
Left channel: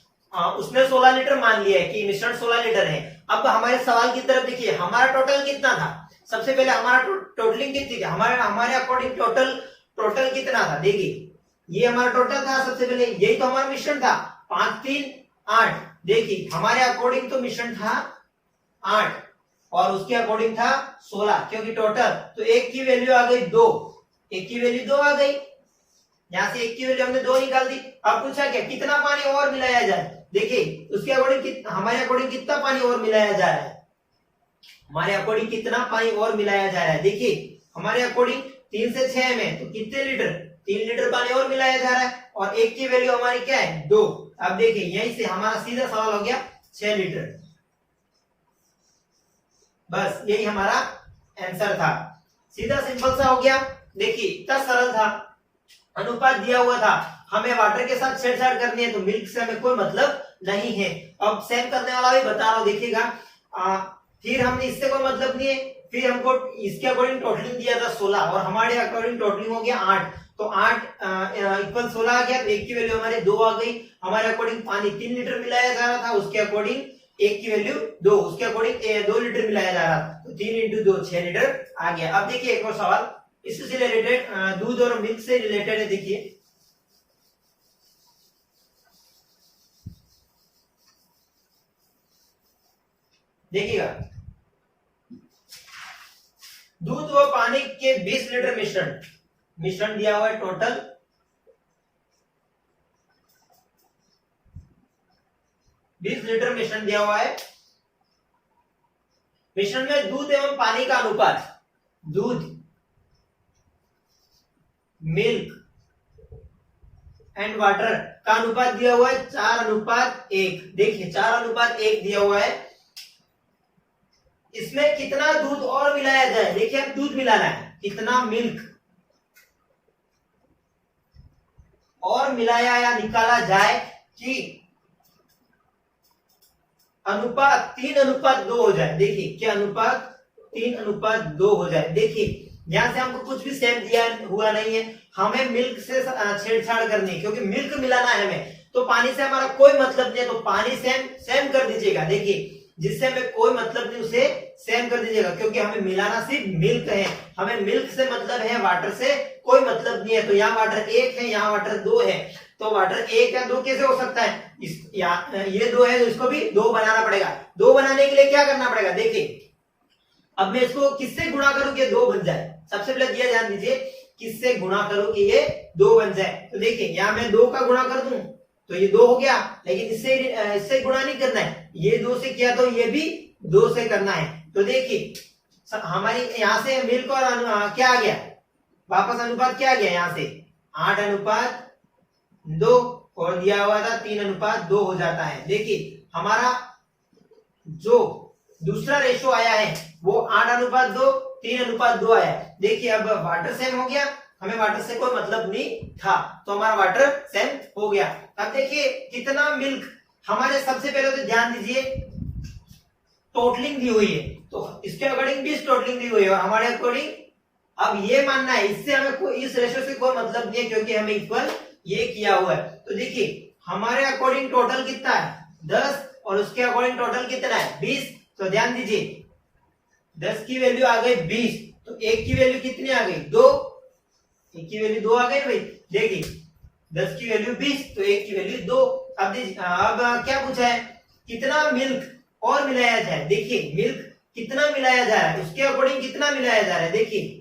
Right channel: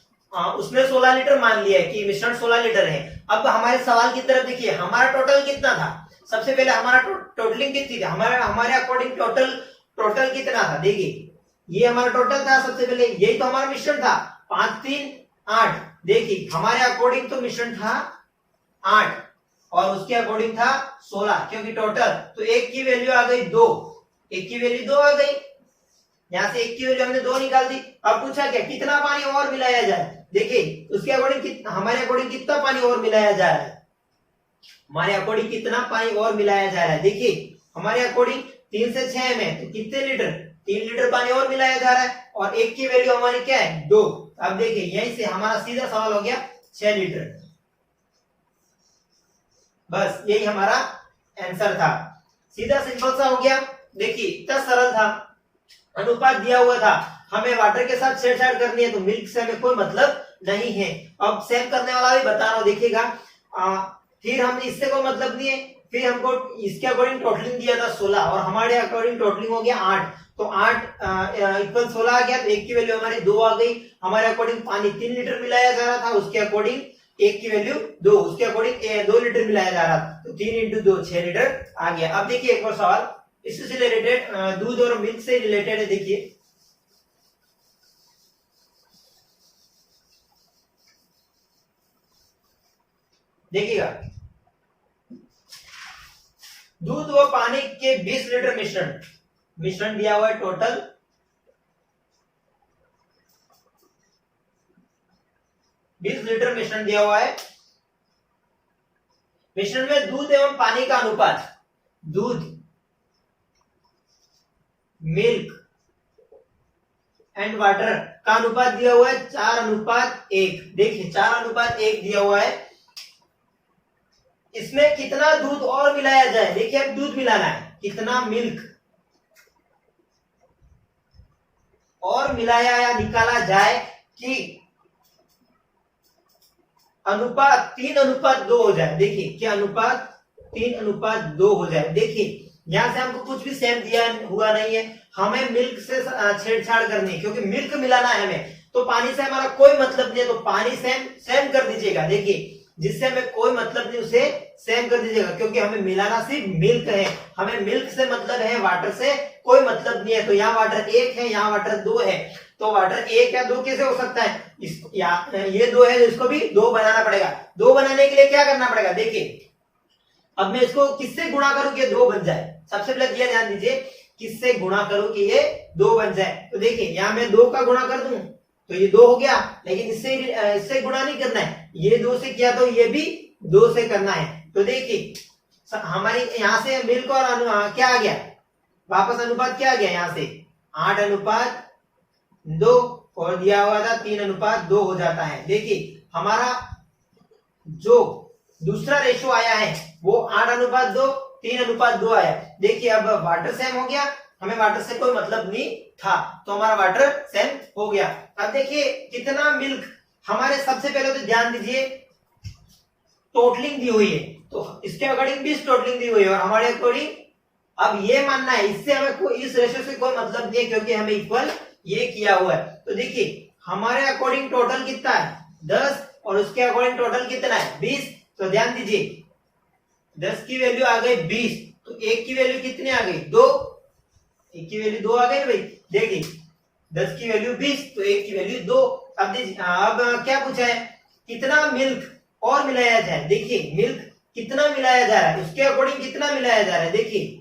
उसने 16 लीटर मान लिया है कि मिश्रण 16 लीटर है। अब हमारे सवाल की तरफ देखिए, हमारा टोटल कितना था। सबसे पहले हमारा टोटलिंग कितनी थी, हमारे अकॉर्डिंग टोटल कितना था। देखिए ये हमारा टोटल था, सबसे पहले यही तो हमारा मिश्रण था 5 3 8। देखिए हमारे अकॉर्डिंग तो मिश्रण था 8 और उसके अकॉर्डिंग था 16, क्योंकि टोटल तो एक की वैल्यू आ गई 2, एक की वैल्यू 2 आ गई, यहां से एक की वैल्यू हमने 2 निकाल दी। अब पूछा क्या, कितना पानी और मिलाया जाए। देखिए उसके अकॉर्डिंग हमारे अकॉर्डिंग कितना पानी और मिलाया जा रहा है, हमारे अकॉर्डिंग कितना पानी और मिलाया जा रहा है। देखिए हमारे अकॉर्डिंग 3 से 6 में तो कितने लीटर, 3 लीटर पानी और मिलाया जा रहा है और एक की वैल्यू हमारी क्या है 2। अब देखिए यहीं से हमारा सीधा सवाल हो गया 6 लीटर। बस यही हमारा आंसर था, सीधा सिंपल सा हो गया। देखिए इतना सरल था, अनुपात दिया हुआ था, हमें वाटर के साथ छेड़छाड़ करनी है तो मिल्क से हमें कोई मतलब नहीं है। अब सेम करने वाला भी बता रहा हूं, देखिएगा फिर हमने इससे कोई मतलब नहीं है, फिर हमको इसके अकॉर्डिंग टोटलिंग दिया था 16 और हमारे अकॉर्डिंग टोटलिंग हो गया 8, तो 8 इक्वल 16 आ गया, तो एक की वैल्यू हमारी 2 आ गई। हमारे अकॉर्डिंग पानी 3 लीटर मिलाया जा रहा था, उसके अकॉर्डिंग एक की वैल्यू 2, उसके अकॉर्डिंग 2 लीटर मिलाया जा रहा था, तो 3 इंटू 2 6 लीटर आ गया। अब देखिए एक और सवाल इससे रिलेटेड, दूध और मिल्क से रिलेटेड है। देखिए देखिएगा दूध व पानी के 20 लीटर मिश्रण दिया हुआ है, टोटल 20 लीटर मिश्रण दिया हुआ है। मिश्रण में दूध एवं पानी का अनुपात, दूध मिल्क एंड वाटर का अनुपात दिया हुआ है 4:1। देखिए 4:1 दिया हुआ है। इसमें कितना दूध और मिलाया जाए, देखिए अब दूध मिलाना है, कितना मिल्क और मिलाया या निकाला जाए कि अनुपात 3:2 हो जाए। देखिए क्या अनुपात 3:2 हो जाए। देखिए यहां से हमको कुछ भी सेम दिया हुआ नहीं है, हमें मिल्क से छेड़छाड़ करनी है क्योंकि मिल्क मिलाना है हमें, तो पानी से हमारा कोई मतलब नहीं है, तो पानी सेम सेम कर दीजिएगा। देखिए जिससे हमें कोई मतलब नहीं उसे सेम कर दीजिएगा, क्योंकि हमें मिलाना सिर्फ मिल्क है, हमें मिल्क से मतलब है, वाटर से कोई मतलब नहीं है। तो यहाँ वाटर 1 है, यहाँ वाटर 2 है, तो वाटर 1 या 2 कैसे हो सकता है, ये 2 है, इसको भी 2 बनाना पड़ेगा। 2 बनाने के लिए क्या करना पड़ेगा, देखिए अब मैं इसको किससे गुणा करूं कि ये 2 बन जाए। सबसे पहले दिया ध्यान दीजिए, किससे गुणा करूं कि ये 2 बन जाए। तो देखिए यहाँ मैं 2 का गुणा कर दूं तो ये 2 हो गया, लेकिन इससे गुणा नहीं करना है, ये 2 से किया तो ये भी 2 से करना है। तो देखिए हमारी यहाँ से मिल्क और क्या आ गया, वापस अनुपात क्या आ गया, यहाँ से 8:2 और दिया हुआ था 3:2 हो जाता है। देखिए हमारा जो दूसरा रेशो आया है वो 8:2 3:2 आया। देखिए अब वाटर सेम हो गया, हमें वाटर से कोई मतलब नहीं था, तो हमारा वाटर सेम हो गया। अब देखिए कितना मिल्क, हमारे सबसे पहले तो ध्यान दीजिए टोटलिंग दी हुई है, तो इसके अकॉर्डिंग भी टोटलिंग दी हुई है और हमारे अकॉर्डिंग अब ये मानना है, इससे हमें कोई इस रेशो से कोई मतलब नहीं है क्योंकि हमें इक्वल ये किया हुआ है। तो देखिए हमारे अकॉर्डिंग टोटल कितना है 10 और उसके अकॉर्डिंग टोटल कितना है 20। तो ध्यान दीजिए 10 की वैल्यू आ गई 20, तो 1 की वैल्यू कितनी आ गई 2, 1 की वैल्यू 2 आ गई भाई। देखिए 10 की वैल्यू 20 तो 1 की वैल्यू 2। अब क्या पूछा है, कितना मिल्क और मिलाया जाए। देखिए मिल्क कितना मिलाया जा रहा है, उसके अकॉर्डिंग कितना मिलाया जा रहा है। देखिए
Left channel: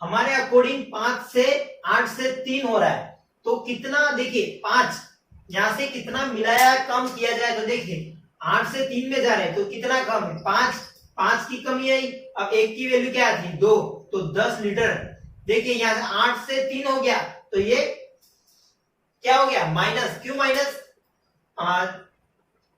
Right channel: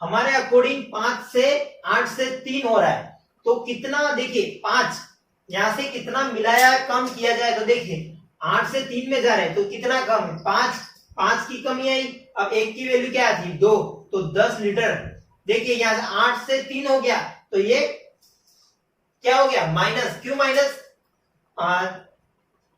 हमारे अकॉर्डिंग 5 से 8 से 3 हो रहा है, तो कितना, देखिए 5 यहां से कितना मिलाया कम किया जाए। तो देखिए 8 से 3 में जा रहे हैं तो कितना कम है 5 की कमी आई। अब 1 की वैल्यू क्या थी 2, तो 10 लीटर। देखिए यहां से 8 से 3 हो गया, तो ये क्या हो गया माइनस। क्यों माइनस,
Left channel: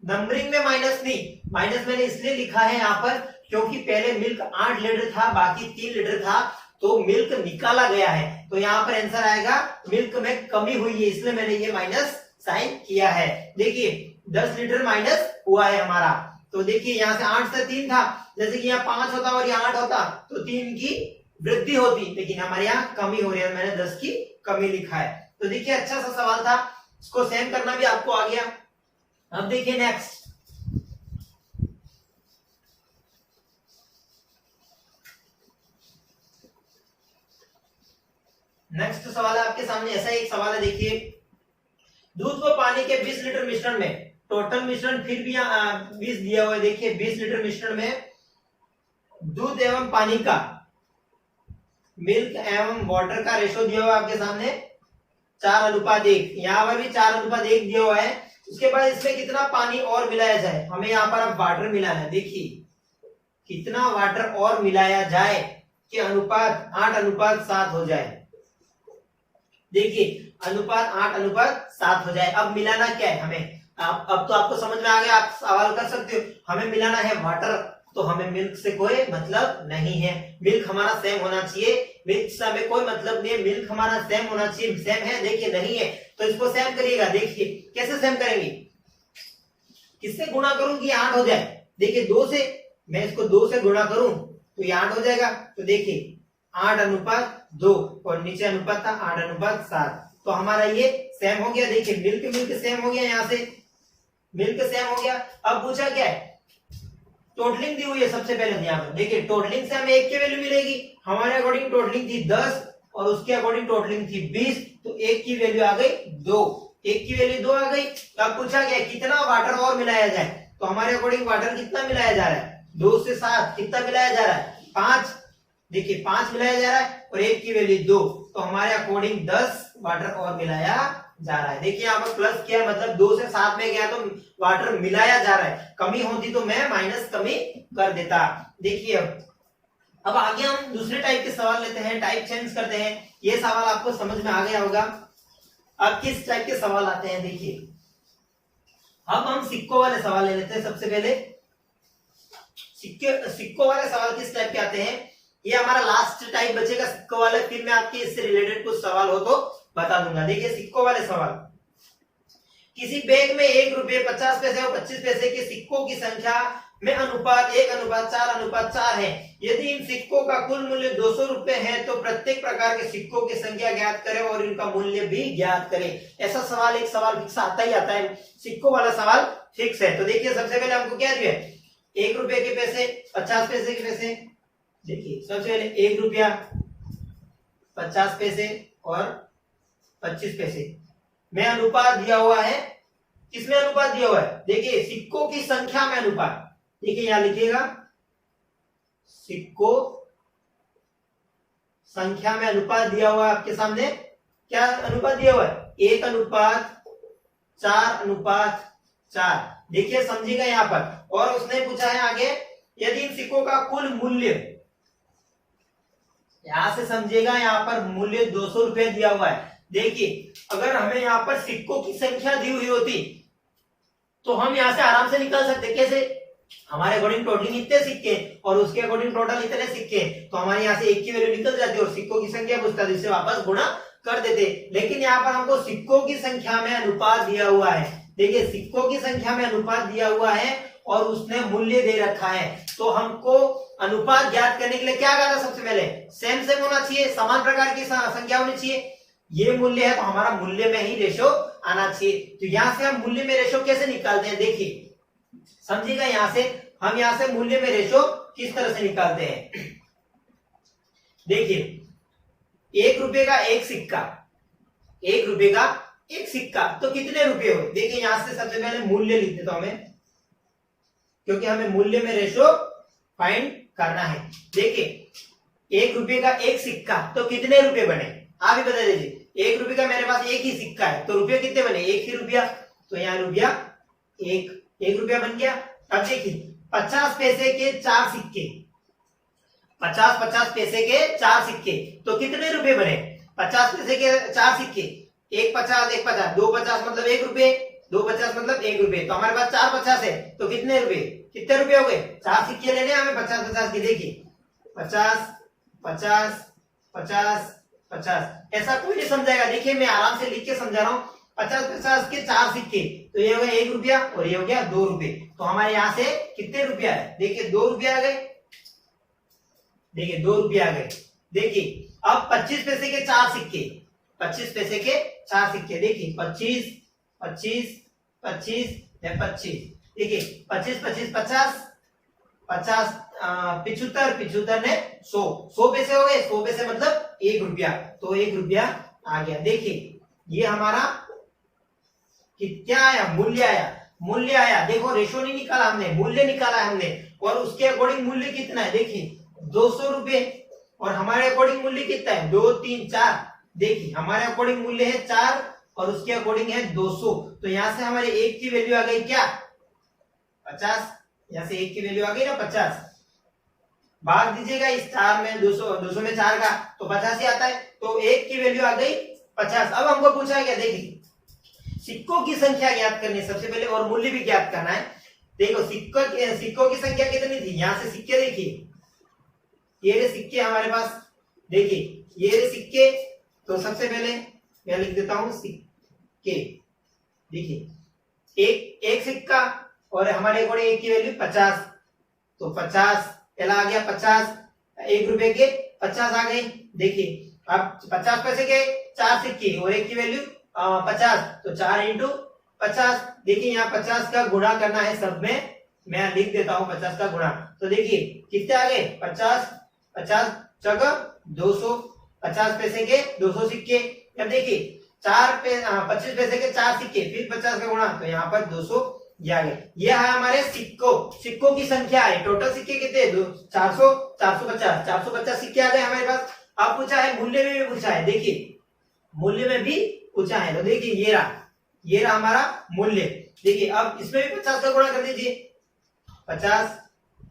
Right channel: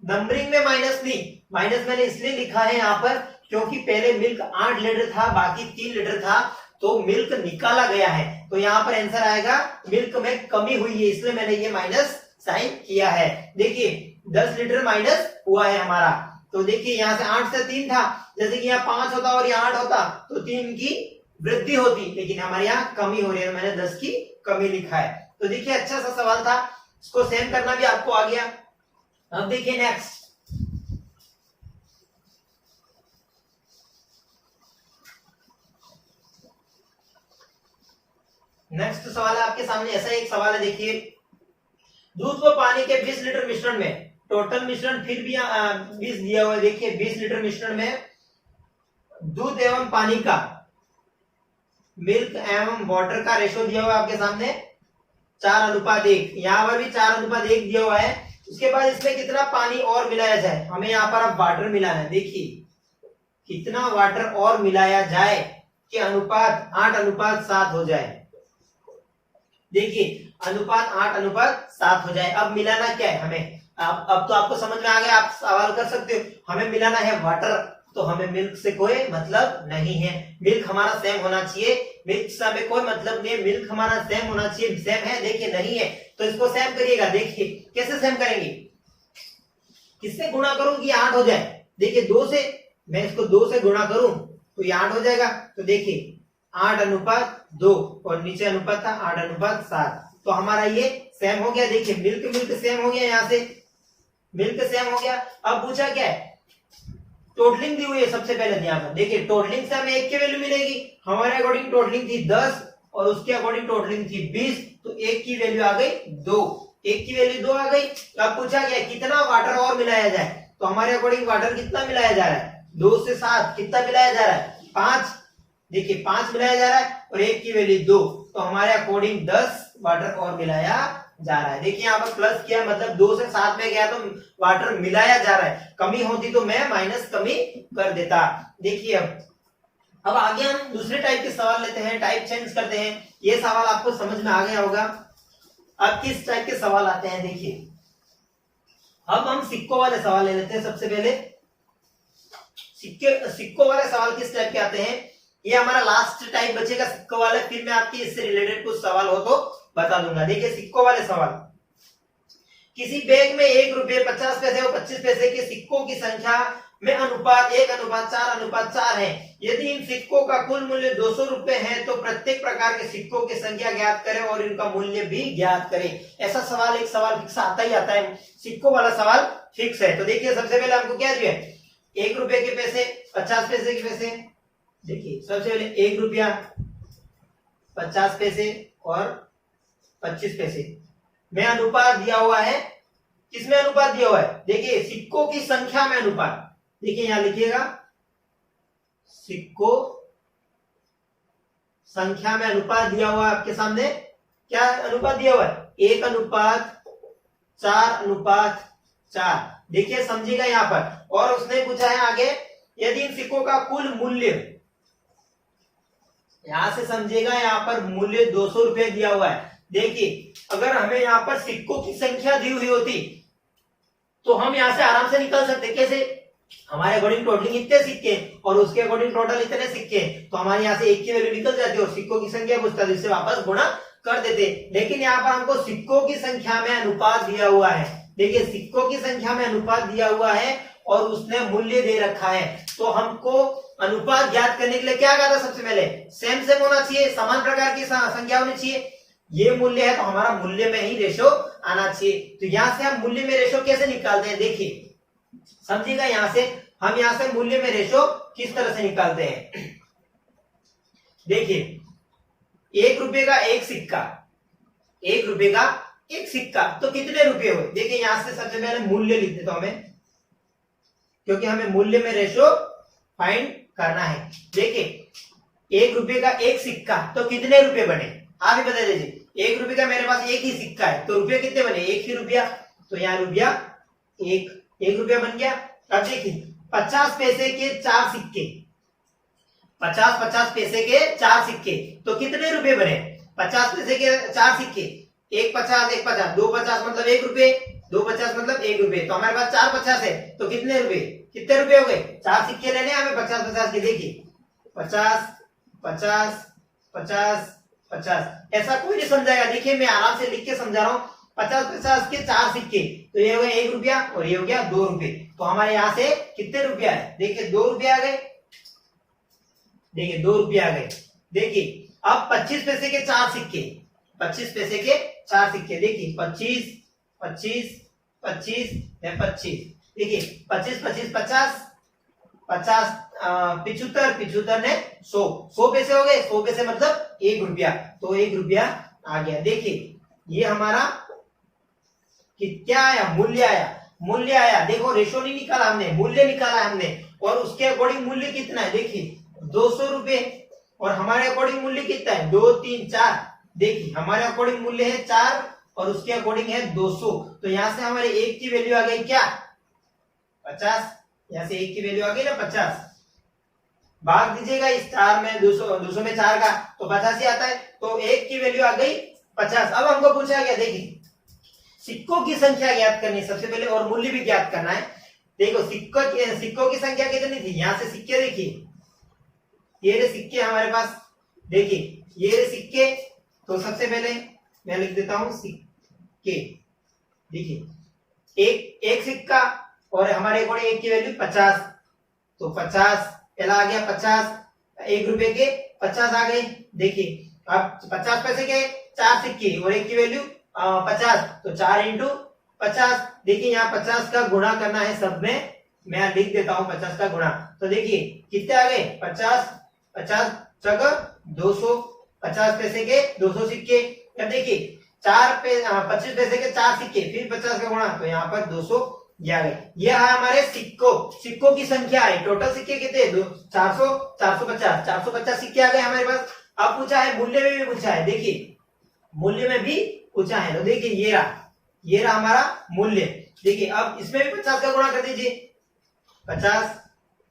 नंबरिंग में माइनस नहीं, माइनस मैंने इसलिए लिखा है यहाँ पर क्योंकि पहले मिल्क 8 लीटर था, बाकी 3 लीटर था, तो मिल्क निकाला गया है, तो यहाँ पर आंसर आएगा मिल्क में कमी हुई है, इसलिए मैंने ये माइनस साइन किया है। देखिए 10 लीटर माइनस हुआ है हमारा। तो देखिए यहाँ से 8 से 3 था, जैसे कि यहाँ 5 होता और यहाँ 8 होता तो 3 की वृद्धि होती, लेकिन हमारे यहाँ कमी हो रही है, मैंने 10 की कमी लिखा है। तो देखिए अच्छा सा सवाल था, इसको सेम करना भी आपको आ गया। अब देखिए नेक्स्ट, नेक्स्ट सवाल है आपके सामने, ऐसा एक सवाल है। देखिए दूध व पानी के 20 लीटर मिश्रण में, टोटल मिश्रण फिर भी 20 दिया हुआ है। देखिए 20 लीटर मिश्रण में दूध एवं पानी का, मिल्क एवं वाटर का रेशो दिया हुआ है आपके सामने 4:1। यहाँ पर भी 4:1 दिया हुआ है। उसके बाद इसमें कितना पानी और मिलाया जाए, हमें यहाँ पर अब वाटर मिलाना है। देखिए कितना वाटर और मिलाया जाए कि अनुपात 8:7 हो जाए। देखिए अनुपात 8:7 हो जाए। अब मिलाना क्या है हमें, अब तो आपको समझ में आ गया, आप सवाल कर सकते हो। हमें मिलाना है वाटर, तो हमें मिल्क से कोई मतलब नहीं है, मिल्क हमारा सेम होना चाहिए, मिल्क से हमें कोई मतलब नहीं है, मिल्क हमारा सेम होना चाहिए। सेम है, देखिए नहीं है तो इसको सेम करिएगा। देखिए कैसे सेम करेंगे, किससे गुणा करूं कि 8 हो जाए। देखिए 2 से, मैं इसको 2 से गुणा करूं तो ये 8 हो जाएगा। तो देखिए 8:2 और नीचे अनुपात था 8:7, तो हमारा ये सेम हो गया। देखिए मिल्क सेम हो गया, यहाँ से मिल्क सेम हो गया। अब पूछा क्या है, टोटलिंग दी हुई है सबसे पहले यहाँ पर। देखिए टोटलिंग से हमें 1 की वैल्यू मिलेगी, हमारे अकॉर्डिंग टोटलिंग थी 10 और उसके अकॉर्डिंग टोटलिंग थी 20, तो 1 की वैल्यू आ गई 2, 1 की वैल्यू 2 आ गई। अब पूछा गया कितना वाटर और मिलाया जाए, तो हमारे अकॉर्डिंग वाटर कितना मिलाया जा रहा है 2 से 7, कितना मिलाया जा रहा है 5। देखिए 5 मिलाया जा रहा है और 1 की वैल्यू 2, तो हमारे अकॉर्डिंग 10 वाटर और मिलाया जा रहा है। देखिए यहाँ पर प्लस किया मतलब 2 से 7 में गया तो वाटर मिलाया जा रहा है, कमी होती तो मैं माइनस कमी कर देता। देखिए अब आगे हम दूसरे टाइप के सवाल लेते हैं, टाइप चेंज करते हैं। ये सवाल आपको समझ में आ गया होगा। अब किस टाइप के सवाल आते हैं देखिए, अब हम सिक्कों वाले सवाल ले लेते हैं। सबसे पहले सिक्कों वाले सवाल किस टाइप के आते हैं, ये हमारा लास्ट टाइप बचेगा सिक्कों वाले, फिर मैं आपके इससे रिलेटेड कुछ सवाल हो तो बता दूंगा। देखिए सिक्कों वाले सवाल, किसी बैग में 1 रुपये 50 पैसे और 25 पैसे के सिक्कों की संख्या में अनुपात 1:4:4 है। यदि इन सिक्कों का कुल मूल्य 200 रुपए है तो प्रत्येक प्रकार के सिक्कों की संख्या ज्ञात करें और इनका मूल्य भी ज्ञात करें। ऐसा सवाल एक सवाल फिक्स आता ही आता है, सिक्कों वाला सवाल फिक्स है। तो देखिए सबसे पहले हमको क्या दिया है, 1 रुपए के पैसे, 50 पैसे के पैसे। देखिए सबसे पहले 1 रुपया, 50 पैसे और 25 पैसे में अनुपात दिया हुआ है। किसमें अनुपात दिया हुआ है, देखिए सिक्कों की संख्या में अनुपात। देखिए यहां लिखिएगा, सिक्कों संख्या में अनुपात दिया हुआ है आपके सामने। क्या अनुपात दिया हुआ है, 1:4:4। देखिए समझिएगा यहाँ पर। और उसने पूछा है आगे, यदि इन सिक्कों का कुल मूल्य, यहां से समझिएगा यहाँ पर मूल्य 200 रुपए दिया हुआ है। देखिए अगर हमें यहाँ पर सिक्कों की संख्या दी हुई होती तो हम यहां से आराम से निकाल सकते। कैसे, हमारे अकॉर्डिंग टोटलिंग इतने सिक्के और उसके अकॉर्डिंग टोटल इतने सिक्के, तो हमारे यहाँ से 1 की वैल्यू निकल जाती और सिक्कों की संख्या पूछता है, जिससे वापस गुणा कर देते। लेकिन यहाँ पर हमको सिक्कों की संख्या में अनुपात दिया हुआ है। देखिए सिक्कों की संख्या में अनुपात दिया हुआ है और उसने मूल्य दे रखा है, तो हमको अनुपात ज्ञात करने के लिए क्या कहा था, सबसे पहले सेम सेम होना चाहिए, समान प्रकार की संख्या होनी चाहिए। ये मूल्य है तो हमारा मूल्य में ही रेशो आना चाहिए। तो यहां से हम मूल्य में रेशो कैसे निकालते हैं, देखिए समझिएगा। यहां से हम यहां से मूल्य में रेशो किस तरह से निकालते हैं। देखिए 1 रुपए का एक सिक्का, 1 रुपए का एक सिक्का तो कितने रुपए हुए। देखिए यहां से सबसे पहले मूल्य लिख देता हूं मैं, क्योंकि हमें मूल्य में रेशो फाइंड करना है। देखिए 1 रुपए का एक सिक्का तो कितने रुपए बने, आप ही बता दीजिए। 1 रुपए का मेरे पास एक ही सिक्का है तो रुपये कितने बने, 1 ही रुपया। तो यहाँ रुपया 1 रुपया बन गया। अब देखिए 50 पैसे के 4 सिक्के, 50 पैसे के 4 सिक्के तो कितने रुपए बने, 50 पैसे के 4 सिक्के, 1 50 1 50, 2 50 मतलब 1 रुपये, 2 50 मतलब 1 रुपये। तो हमारे पास 4 50 है तो कितने रुपए, कितने रुपए हो गए, 4 सिक्के लेने हमें 50 के। देखिए 50 50 50 50, ऐसा कोई नहीं समझाएगा। देखिए मैं आराम से लिख के समझा रहा हूँ। 50 के 4 सिक्के तो ये हो गया 1 रुपया और ये हो गया 2 रुपए। तो हमारे यहाँ से कितने रुपया है, देखिए 2 रुपया आ गए। देखिए 2 रुपया आ गए। देखिए अब 25 पैसे के 4 सिक्के, 25 पैसे के 4 सिक्के। देखिए 25 25 25 है 25। देखिए 25 25 50 50 75 75 ने 100 पैसे हो गए। 100 पैसे मतलब 1 रुपया, तो 1 रुपया आ गया। देखिए ये हमारा क्या आया, मूल्य आया, मूल्य आया। देखो रेशो नहीं निकाला हमने, मूल्य निकाला हमने। और उसके अकॉर्डिंग मूल्य कितना है, देखिए 200 रुपए। और हमारे अकॉर्डिंग मूल्य कितना है, 2 3 4। देखिए हमारे अकॉर्डिंग मूल्य है 4 और उसके अकॉर्डिंग है 200। तो यहां से हमारे 1 की वैल्यू आ गई क्या, 50। यहां से 1 की वैल्यू आ गई ना 50। भाग दीजिएगा इस 4 में 200 में 4 का तो 50 ही आता है। तो 1 की वैल्यू आ गई 50। अब हमको पूछा गया, देखिए सिक्कों की संख्या ज्ञात करनी है सबसे पहले और मूल्य भी ज्ञात करना है। देखो सिक्कों की संख्या कितनी थी, यहां से सिक्के देखिए, ये रहे सिक्के हमारे पास। देखिए ये रहे सिक्के, तो सबसे पहले मैं लिख देता हूं सिक्के। देखिए एक सिक्का और हमारे अकॉर्डिंग 1 की वैल्यू 50, तो 50 पहला आ गया 50। 1 रुपए के 50 आ गए। देखिए अब 50 पैसे के 4 सिक्के और 1 की वैल्यू 50, तो 4 × 50। देखिए यहाँ 50 का गुणा करना है सब में, मैं लिख देता हूं 50 का गुणा। तो देखिए कितने आ गए, 50 50 जगह 200, 50 पैसे के 200 सिक्के। अब देखिए 25 पैसे के 4 सिक्के, फिर 50 का गुणा, तो यहाँ पर 200 आ गए। यह है हमारे सिक्कों की संख्या है। टोटल सिक्के कितने, 400 450 सिक्के आ गए हमारे पास। अब पूछा है मूल्य में भी पूछा है। देखिए मूल्य में भी ऊंचा है। तो देखिए ये रहा हमारा मूल्य। देखिए अब इसमें भी 50 का गुणा कर दीजिए, 50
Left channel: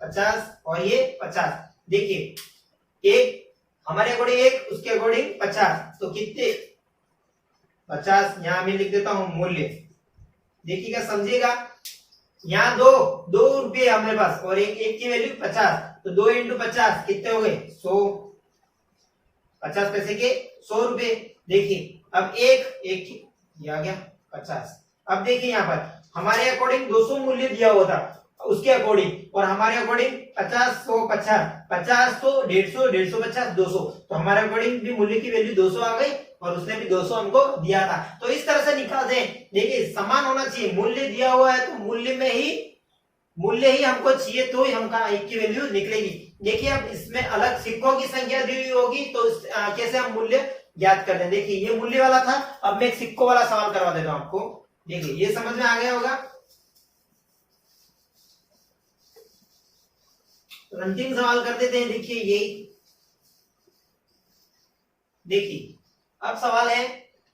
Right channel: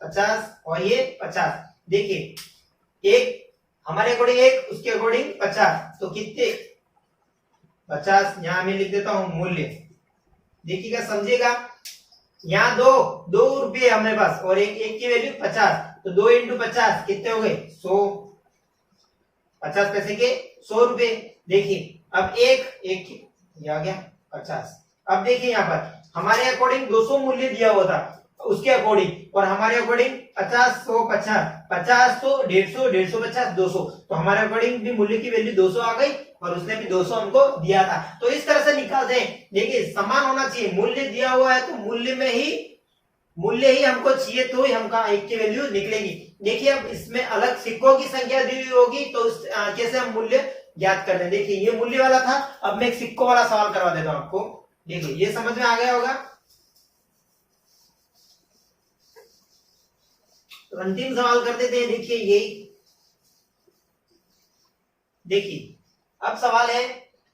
50 और ये 50। देखिए एक हमारे अकॉर्डिंग एक, उसके अकॉर्डिंग 50, तो कितने 50 यहां मैं लिख देता हूं मूल्य। देखिएगा समझिएगा, यहाँ दो रुपये हमारे पास और एक की वैल्यू 50, तो 2 इंटू 50 कितने हो गए 100, 50 पैसे के 100 रुपए। देखिए अब एक ये आ गया 50। अब देखिए यहाँ पर हमारे अकॉर्डिंग 200 मूल्य दिया हुआ था उसके अकॉर्डिंग, और हमारे अकॉर्डिंग 50 100 50 50 100 150 150 50 200, तो हमारे अकॉर्डिंग भी मूल्य की वैल्यू 200 आ गई और उसने भी 200 हमको दिया था। तो इस तरह से निकालते हैं। देखिए समान होना चाहिए, मूल्य दिया हुआ है तो मूल्य ही हमको चाहिए, तो ही हमका एक की वैल्यू निकलेगी। देखिए अब इसमें अलग सिक्कों की संख्या दी हुई होगी तो कैसे हम मूल्य ज्ञात कर लें। देखिए ये मूल्य वाला था, अब मैं एक सिक्कों वाला सवाल करवा देता हूं आपको। देखिए ये समझ में आ गया होगा। तो अंतिम सवाल कर देते हैं। देखिए यही देखिए अब सवाल है,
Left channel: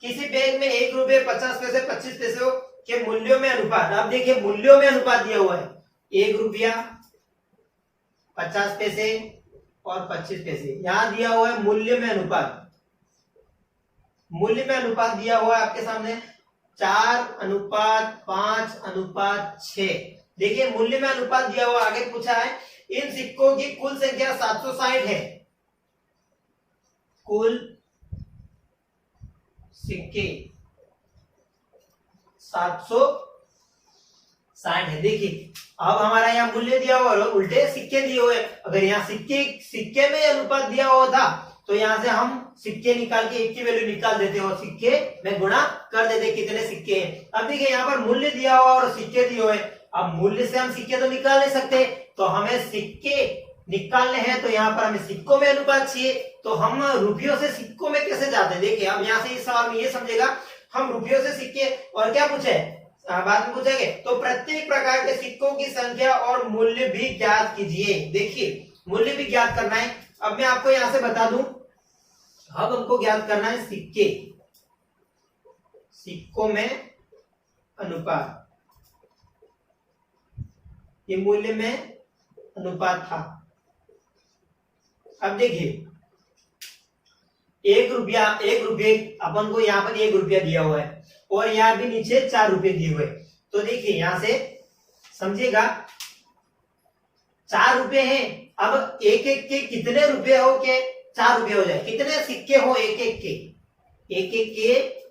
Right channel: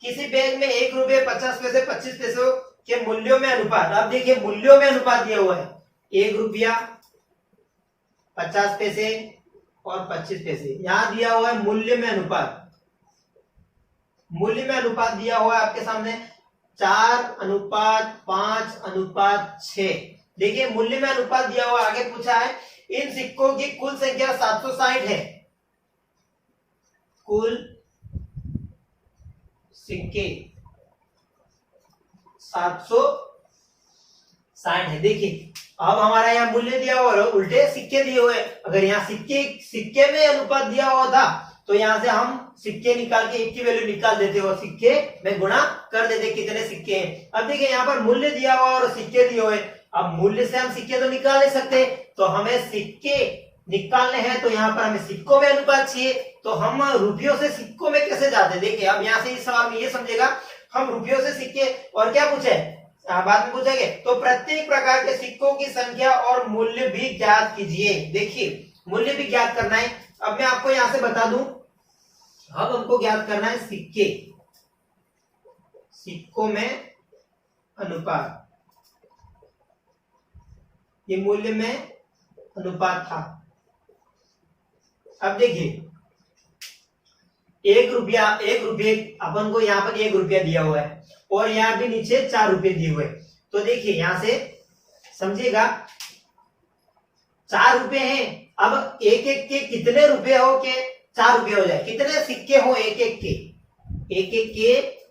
किसी बैग में 1 रुपये 50 पैसे 25 पैसे के मूल्यों में अनुपात। अब देखिए मूल्यों में अनुपात दिया हुआ है, 1 रुपया 50 पैसे और 25 पैसे, यहां दिया हुआ है मूल्य में अनुपात। मूल्य में अनुपात दिया हुआ है आपके सामने 4:5:6। देखिए मूल्य में अनुपात दिया हुआ, आगे पूछा है इन सिक्कों की कुल संख्या 760 है। कुल सिक्के 760 है। देखिए अब हमारा यहाँ मूल्य दिया हुआ और उल्टे सिक्के दिए हुए। अगर यहाँ सिक्के में अनुपात दिया हुआ था तो यहाँ से हम सिक्के निकाल के एक की वैल्यू निकाल देते और सिक्के में गुणा कर देते कितने सिक्के हैं। अब देखिए यहाँ पर मूल्य दिया हुआ और सिक्के दिए हुए, अब मूल्य से हम सिक्के तो निकाल नहीं सकते, तो हमें सिक्के निकालने हैं, तो यहाँ पर हमें सिक्कों में अनुपात चाहिए। तो हम रुपयों से सिक्कों में कैसे जाते हैं। देखिए अब यहाँ से इस सवाल में ये समझेगा, हम रुपयों से सिक्के और क्या पूछे बाद में पूछेंगे, तो प्रत्येक प्रकार के सिक्कों की संख्या और मूल्य भी ज्ञात कीजिए। देखिए मूल्य भी ज्ञात करना है। अब मैं आपको यहां से बता दूं, अब हमको ज्ञात करना है सिक्कों में अनुपात। ये मूल्य में अनुपात था। अब देखिए 1 रुपया अपन को यहाँ पर 1 रुपया दिया हुआ है और यहाँ भी नीचे 4 रुपये दिए हुए। तो देखिए यहां से समझिएगा 4 रुपये हैं। अब एक के कितने रुपए हो के 4 रुपये हो जाए, कितने सिक्के हो एक के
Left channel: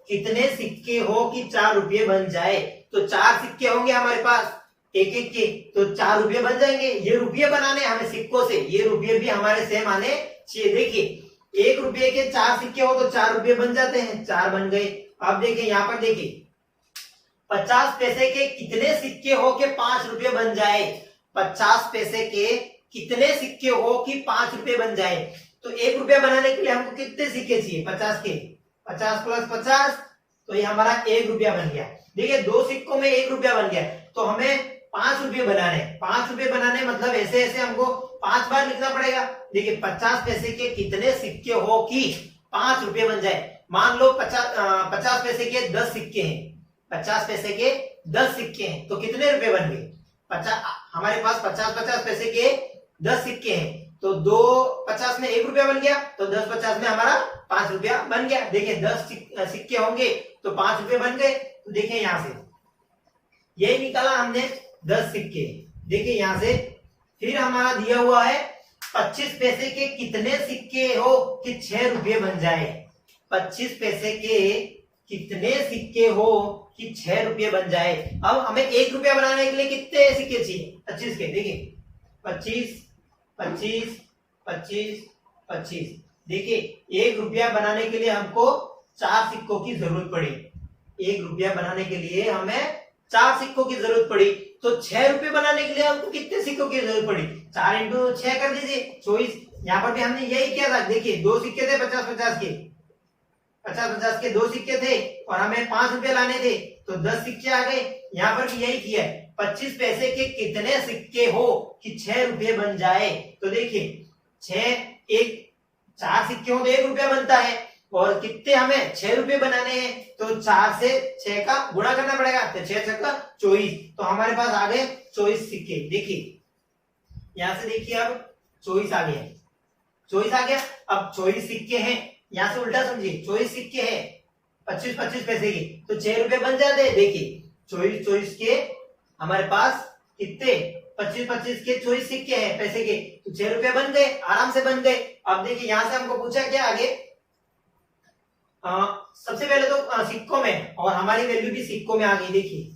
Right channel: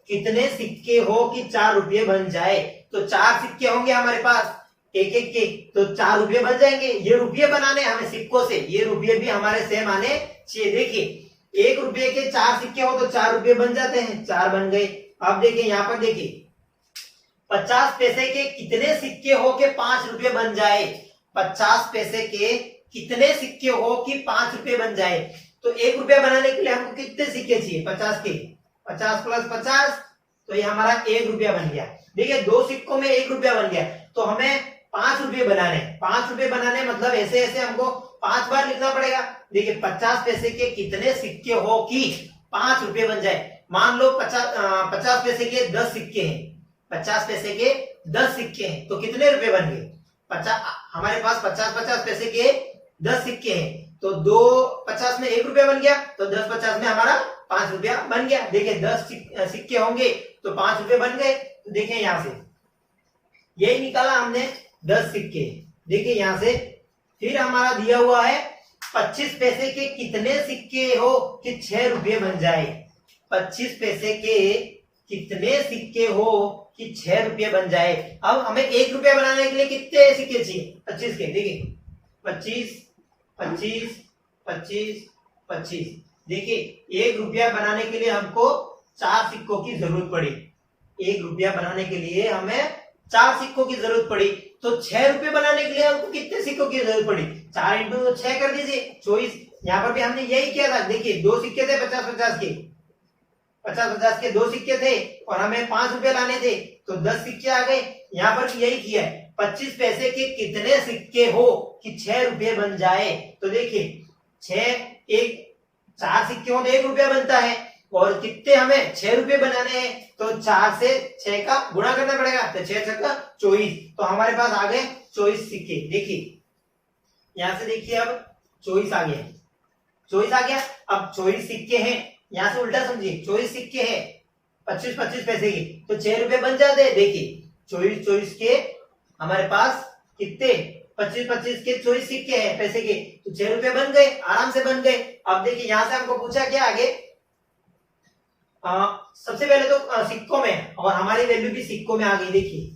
कितने सिक्के हो कि 4 रुपये बन जाए। तो 4 सिक्के होंगे हमारे पास एक के, तो 4 रुपये बन जाएंगे। ये रुपये बनाने हमें सिक्कों से, ये रुपये भी हमारे सेम आने चाहिए। देखिए 1 रुपये के 4 सिक्के हो तो 4 रुपये बन जाते हैं, 4 बन गए। अब देखिए यहाँ पर देखिए 50 पैसे के कितने सिक्के हो के 5 रुपये बन जाए। 50 पैसे के कितने सिक्के हो कि 5 रुपये बन जाए। तो 1 रुपया बनाने के लिए हमको कितने सिक्के चाहिए 50 के, 50 प्लस 50, तो ये हमारा 1 रुपया बन गया। देखिए 2 सिक्कों में 1 रुपया बन गया, तो हमें 5 रुपये बनाने, 5 रुपये बनाने मतलब ऐसे ऐसे हमको 5 बार लिखना पड़ेगा। देखिए 50 पैसे के कितने सिक्के हो कि 5 रुपये बन जाए। मान लो 50 पैसे के 10 सिक्के हैं, 50 पैसे के 10 सिक्के हैं, तो कितने रुपए बन गए 50। हमारे पास 50 पैसे के 10 सिक्के हैं, तो 2 50 में 1 रुपया बन गया, तो 10 50 में हमारा 5 रुपया बन गया। देखिए 10 सिक्के होंगे तो 5 रुपये बन गए। तो देखिए यहां से यही निकाला हमने 10 सिक्के। देखिए यहां से फिर हमारा दिया हुआ है 25 पैसे के कितने सिक्के हो कि 6 रुपये बन जाए। 25 पैसे के कितने सिक्के हो कि 6 रुपये बन जाए। अब हमें 1 रुपया बनाने के लिए कितने सिक्के चाहिए 25 के। देखिए 25 25 25 25। देखिए 1 रुपया बनाने के लिए हमको 4 सिक्कों की जरूरत पड़ी। 1 रुपया बनाने के लिए हमें 4 सिक्कों की जरूरत पड़ी, तो 6 रुपये बनाने के लिए हमको कितने सिक्कों की जरूरत पड़ी 4 इंटू 6 कर दीजिए 24। यहाँ पर भी हमने यही किया था। देखिए 2 सिक्के थे 50 के, 50 के 2 सिक्के थे और हमें 5 रुपये लाने थे, तो 10 सिक्के आ गए। यहाँ पर भी यही किया है। 25 पैसे के कितने सिक्के हो कि 6 रुपये बन जाए। तो देखिए 4 सिक्के हो तो 1 रुपया बनता है, और कितने हमें 6 रुपए बनाने हैं, तो 4 से 6 का गुणा करना पड़ेगा, तो 6 छक्का 24, तो हमारे पास आ गए 24 सिक्के। देखिए यहां से देखिए अब 24 आ गए, 24 आ गया। अब 24 सिक्के हैं, यहां से उल्टा समझिए, 24 सिक्के हैं 25-25 पैसे के, तो 6 रुपए बन जाते हैं। देखिए 24-24 के हमारे पास कितने 25-25 के 24 सिक्के हैं पैसे के, तो 6 रुपए बन गए, आराम से बन गए। अब देखिए यहां से हमको पूछा क्या आगे, सबसे पहले तो सिक्कों में, और हमारी वैल्यू भी सिक्कों में आ गई। देखिए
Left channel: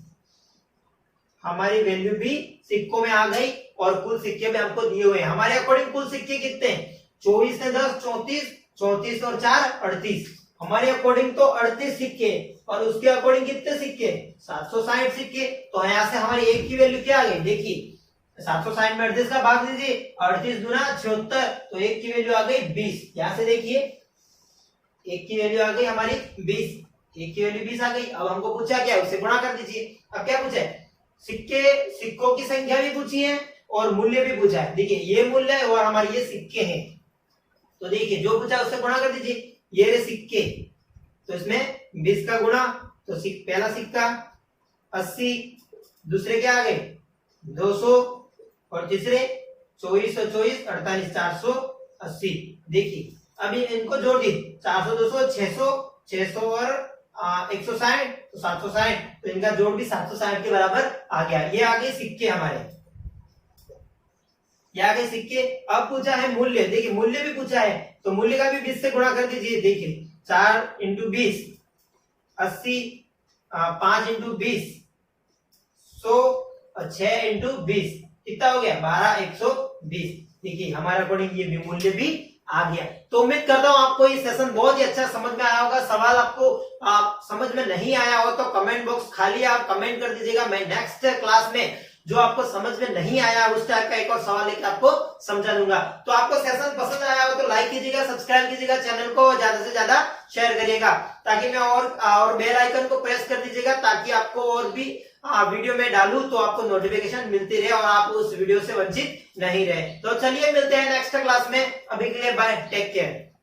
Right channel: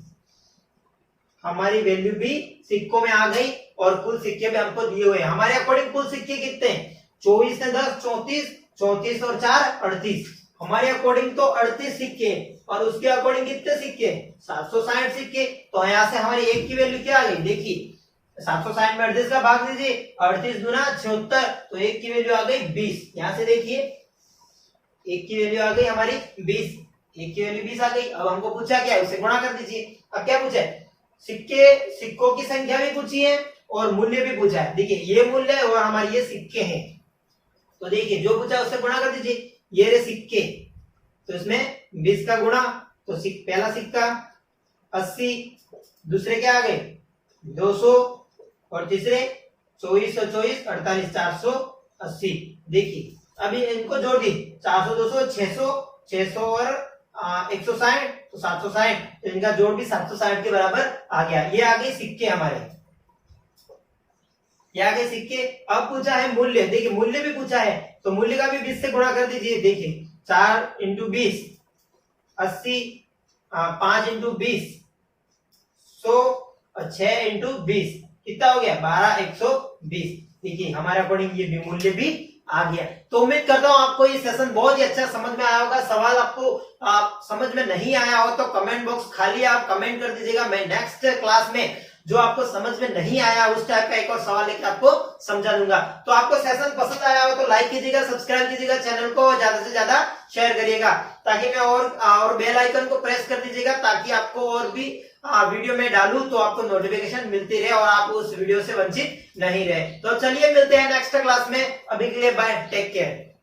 हमारी वैल्यू भी सिक्कों में आ गई और कुल सिक्के भी हमको दिए हुए हैं। हमारे अकॉर्डिंग कुल सिक्के कितने हैं, 24 से 10 34, 34 और 4 38, हमारे अकॉर्डिंग तो 38 सिक्के, और उसके अकॉर्डिंग कितने सिक्के 760 सिक्के। तो यहाँ से हमारी एक की वैल्यू क्या आ गई, देखिए 760 में 38 का भाग दीजिए, 38 दूना 76, तो एक की वैल्यू आ गई 20। यहाँ से देखिए एक की वैल्यू आ गई हमारी 20, एक की वैल्यू 20 आ गई। अब हमको पूछा क्या, उसे गुणा कर दीजिए। अब क्या पूछा है, सिक्कों की संख्या भी पूछी है और मूल्य भी पूछा है। देखिए ये मूल्य है और हमारे ये सिक्के हैं, तो देखिए जो पूछा उससे गुणा कर दीजिए। ये रहे सिक्के, तो इसमें 20 का गुणा, तो पहला सिक्का 80, दूसरे क्या आ गए 200, और तीसरे 24 24 48 480। देखिए अभी इनको जोड़िए, 400 200 600, 600 और 160, तो 760, तो इनका जोड़ भी 760 के बराबर आ गया। ये आ गए सिक्के हमारे, ये आ गए सिक्के। अब पूछा है मूल्य, देखिए मूल्य भी पूछा है, तो मूल्य का भी 20 से गुणा कर दीजिए। देखिए 4 × 20 80, 5 × 20 100, और 6 × 20 कितना हो गया 12 120। देखिए हमारे अकॉर्डिंग ये भी मूल्य भी आ गया। तो उम्मीद करता हूं आपको ये सेशन बहुत ही अच्छा समझ में आया होगा। सवाल आपको समझ में नहीं आया हो तो कमेंट बॉक्स खाली है, आप कमेंट कर दीजिएगा। मैं नेक्स्ट क्लास में जो आपको समझ में नहीं आया उस टाइप का एक और सवाल लेकर आपको समझा दूंगा। तो आपको सेशन पसंद आया हो तो लाइक कीजिएगा, सब्सक्राइब कीजिएगा, चैनल को ज्यादा से ज्यादा शेयर करिएगा, ताकि मैं और बेल आइकन को प्रेस कर दीजिएगा, ताकि आपको और भी वीडियो में डालूं तो आपको नोटिफिकेशन मिलती रहे और आप उस वीडियो से वंचित नहीं रहे। तो चलिए मिलते हैं नेक्स्ट क्लास में, अभी के लिए बाय, टेक केयर।